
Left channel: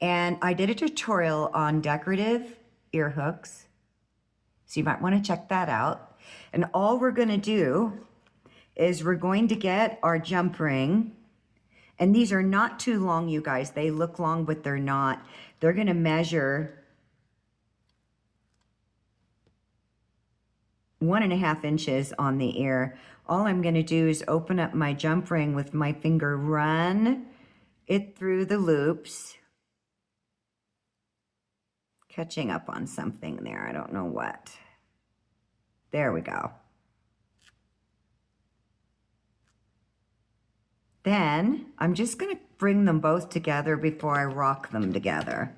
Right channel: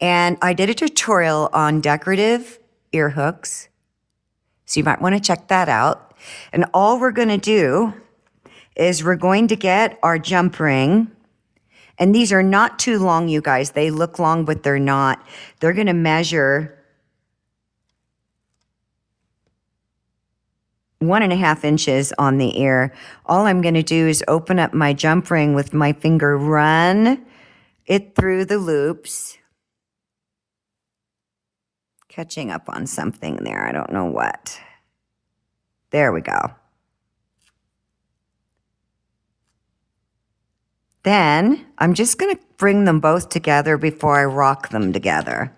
And I did a tutorial on decorative ear hooks. So you might want to check that out. And all we're going to do is we're going to get our jump ring. And these are not too long, you guys. They look long, but they're not. They're going to measure 1.5 inches on the ear. All I'm going to do is open up my jump ring with my finger, run it through the loops. Catching up on something there. I don't know what. There we go. Then I'm just going to bring them both together before I rock them together.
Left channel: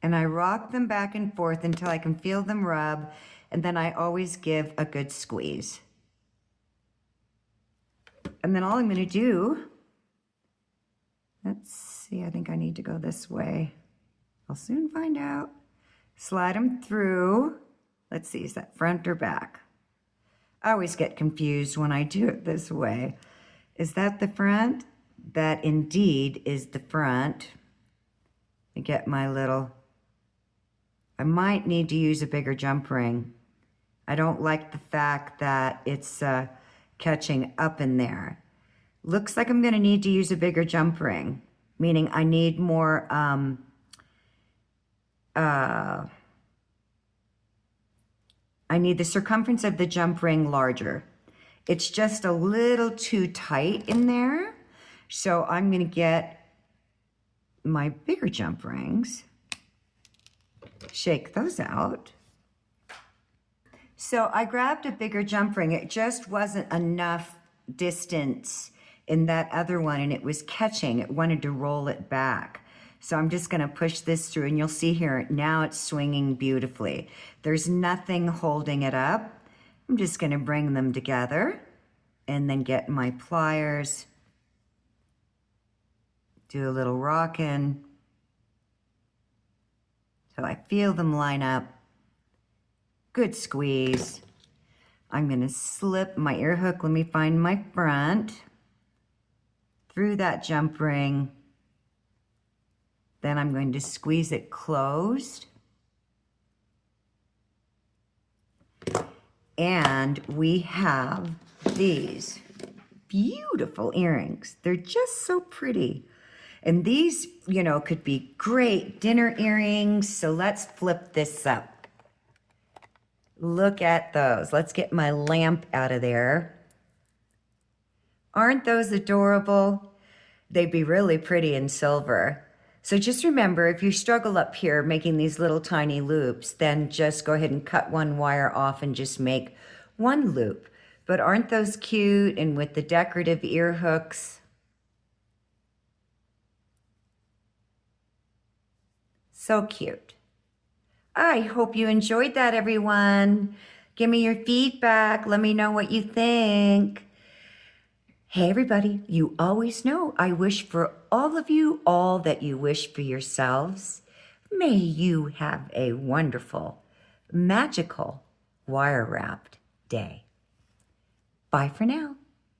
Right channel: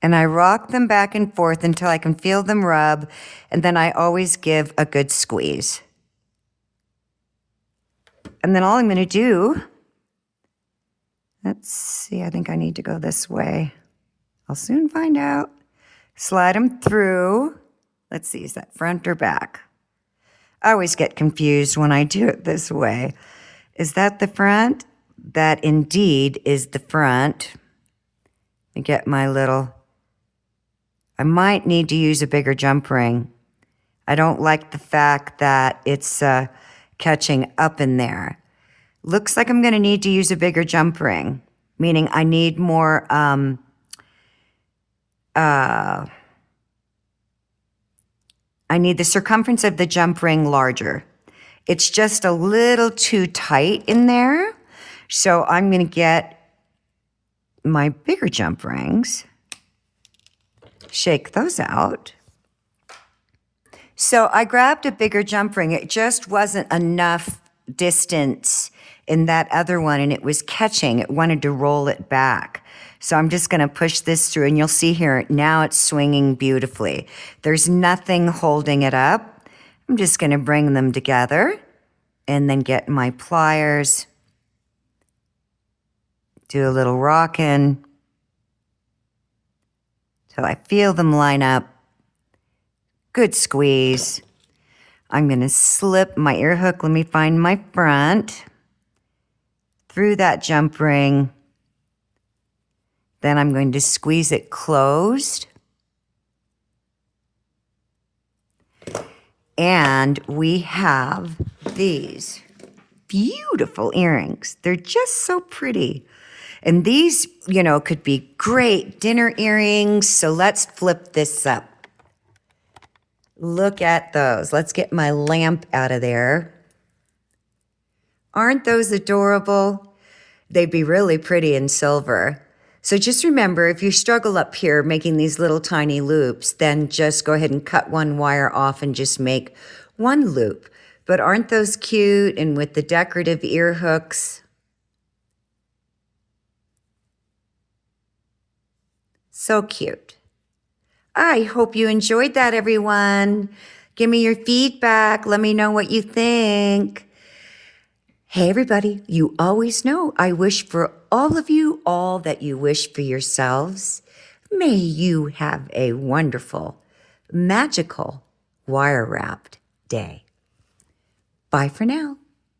And I rock them back and forth until I can feel them rub, and then I always give a good squeeze. And then all I'm going to do, let's see, I think I need to go this way. I'll soon find out. Slide them through. Let's see, is that front or back? I always get confused when I do it this way. Is that the front? That indeed is the front. Let me get my little, I might need to use a bigger jump ring. I don't like the fact that it's catching up in there. Looks like I'm going to need to use a bigger jump ring, meaning I need more I need the circumference of the jump ring larger. It's just a little too tight in there. So I'm going to get my bigger jump rings, shake those out. So I grabbed a bigger jump ring. It just wasn't enough distance in that other one, and it was catching. It wanted to roll it back. So I'm just going to push this through, and you'll see here, now it's swinging beautifully. There's nothing holding it up. I'm just going to bring them together and then get my pliers, do a little rocking till I feel them line up. Good squeeze. I'm going to slip my ear hook. Let me find my front through that jump ring. Then I'm going to squeeze it closed. And we have these beautiful earrings. They're just so pretty. And these, you know, could be great dinner earrings. So let's flip this up. Look at those. Let's get my lamp out of there. Aren't those adorable? They'd be really pretty in silver. So just remember, if you struggle up here making these little tiny loops, then just go ahead and cut one wire off and just make one loop. But aren't those cute? And with the decorative ear hooks. So cute. I hope you enjoyed that, everyone. Give me your feedback. Let me know what you think. Hey, everybody, you always know I wish for all of you all that you wish for yourselves. May you have a wonderful, magical, wire-wrapped day. Bye for now.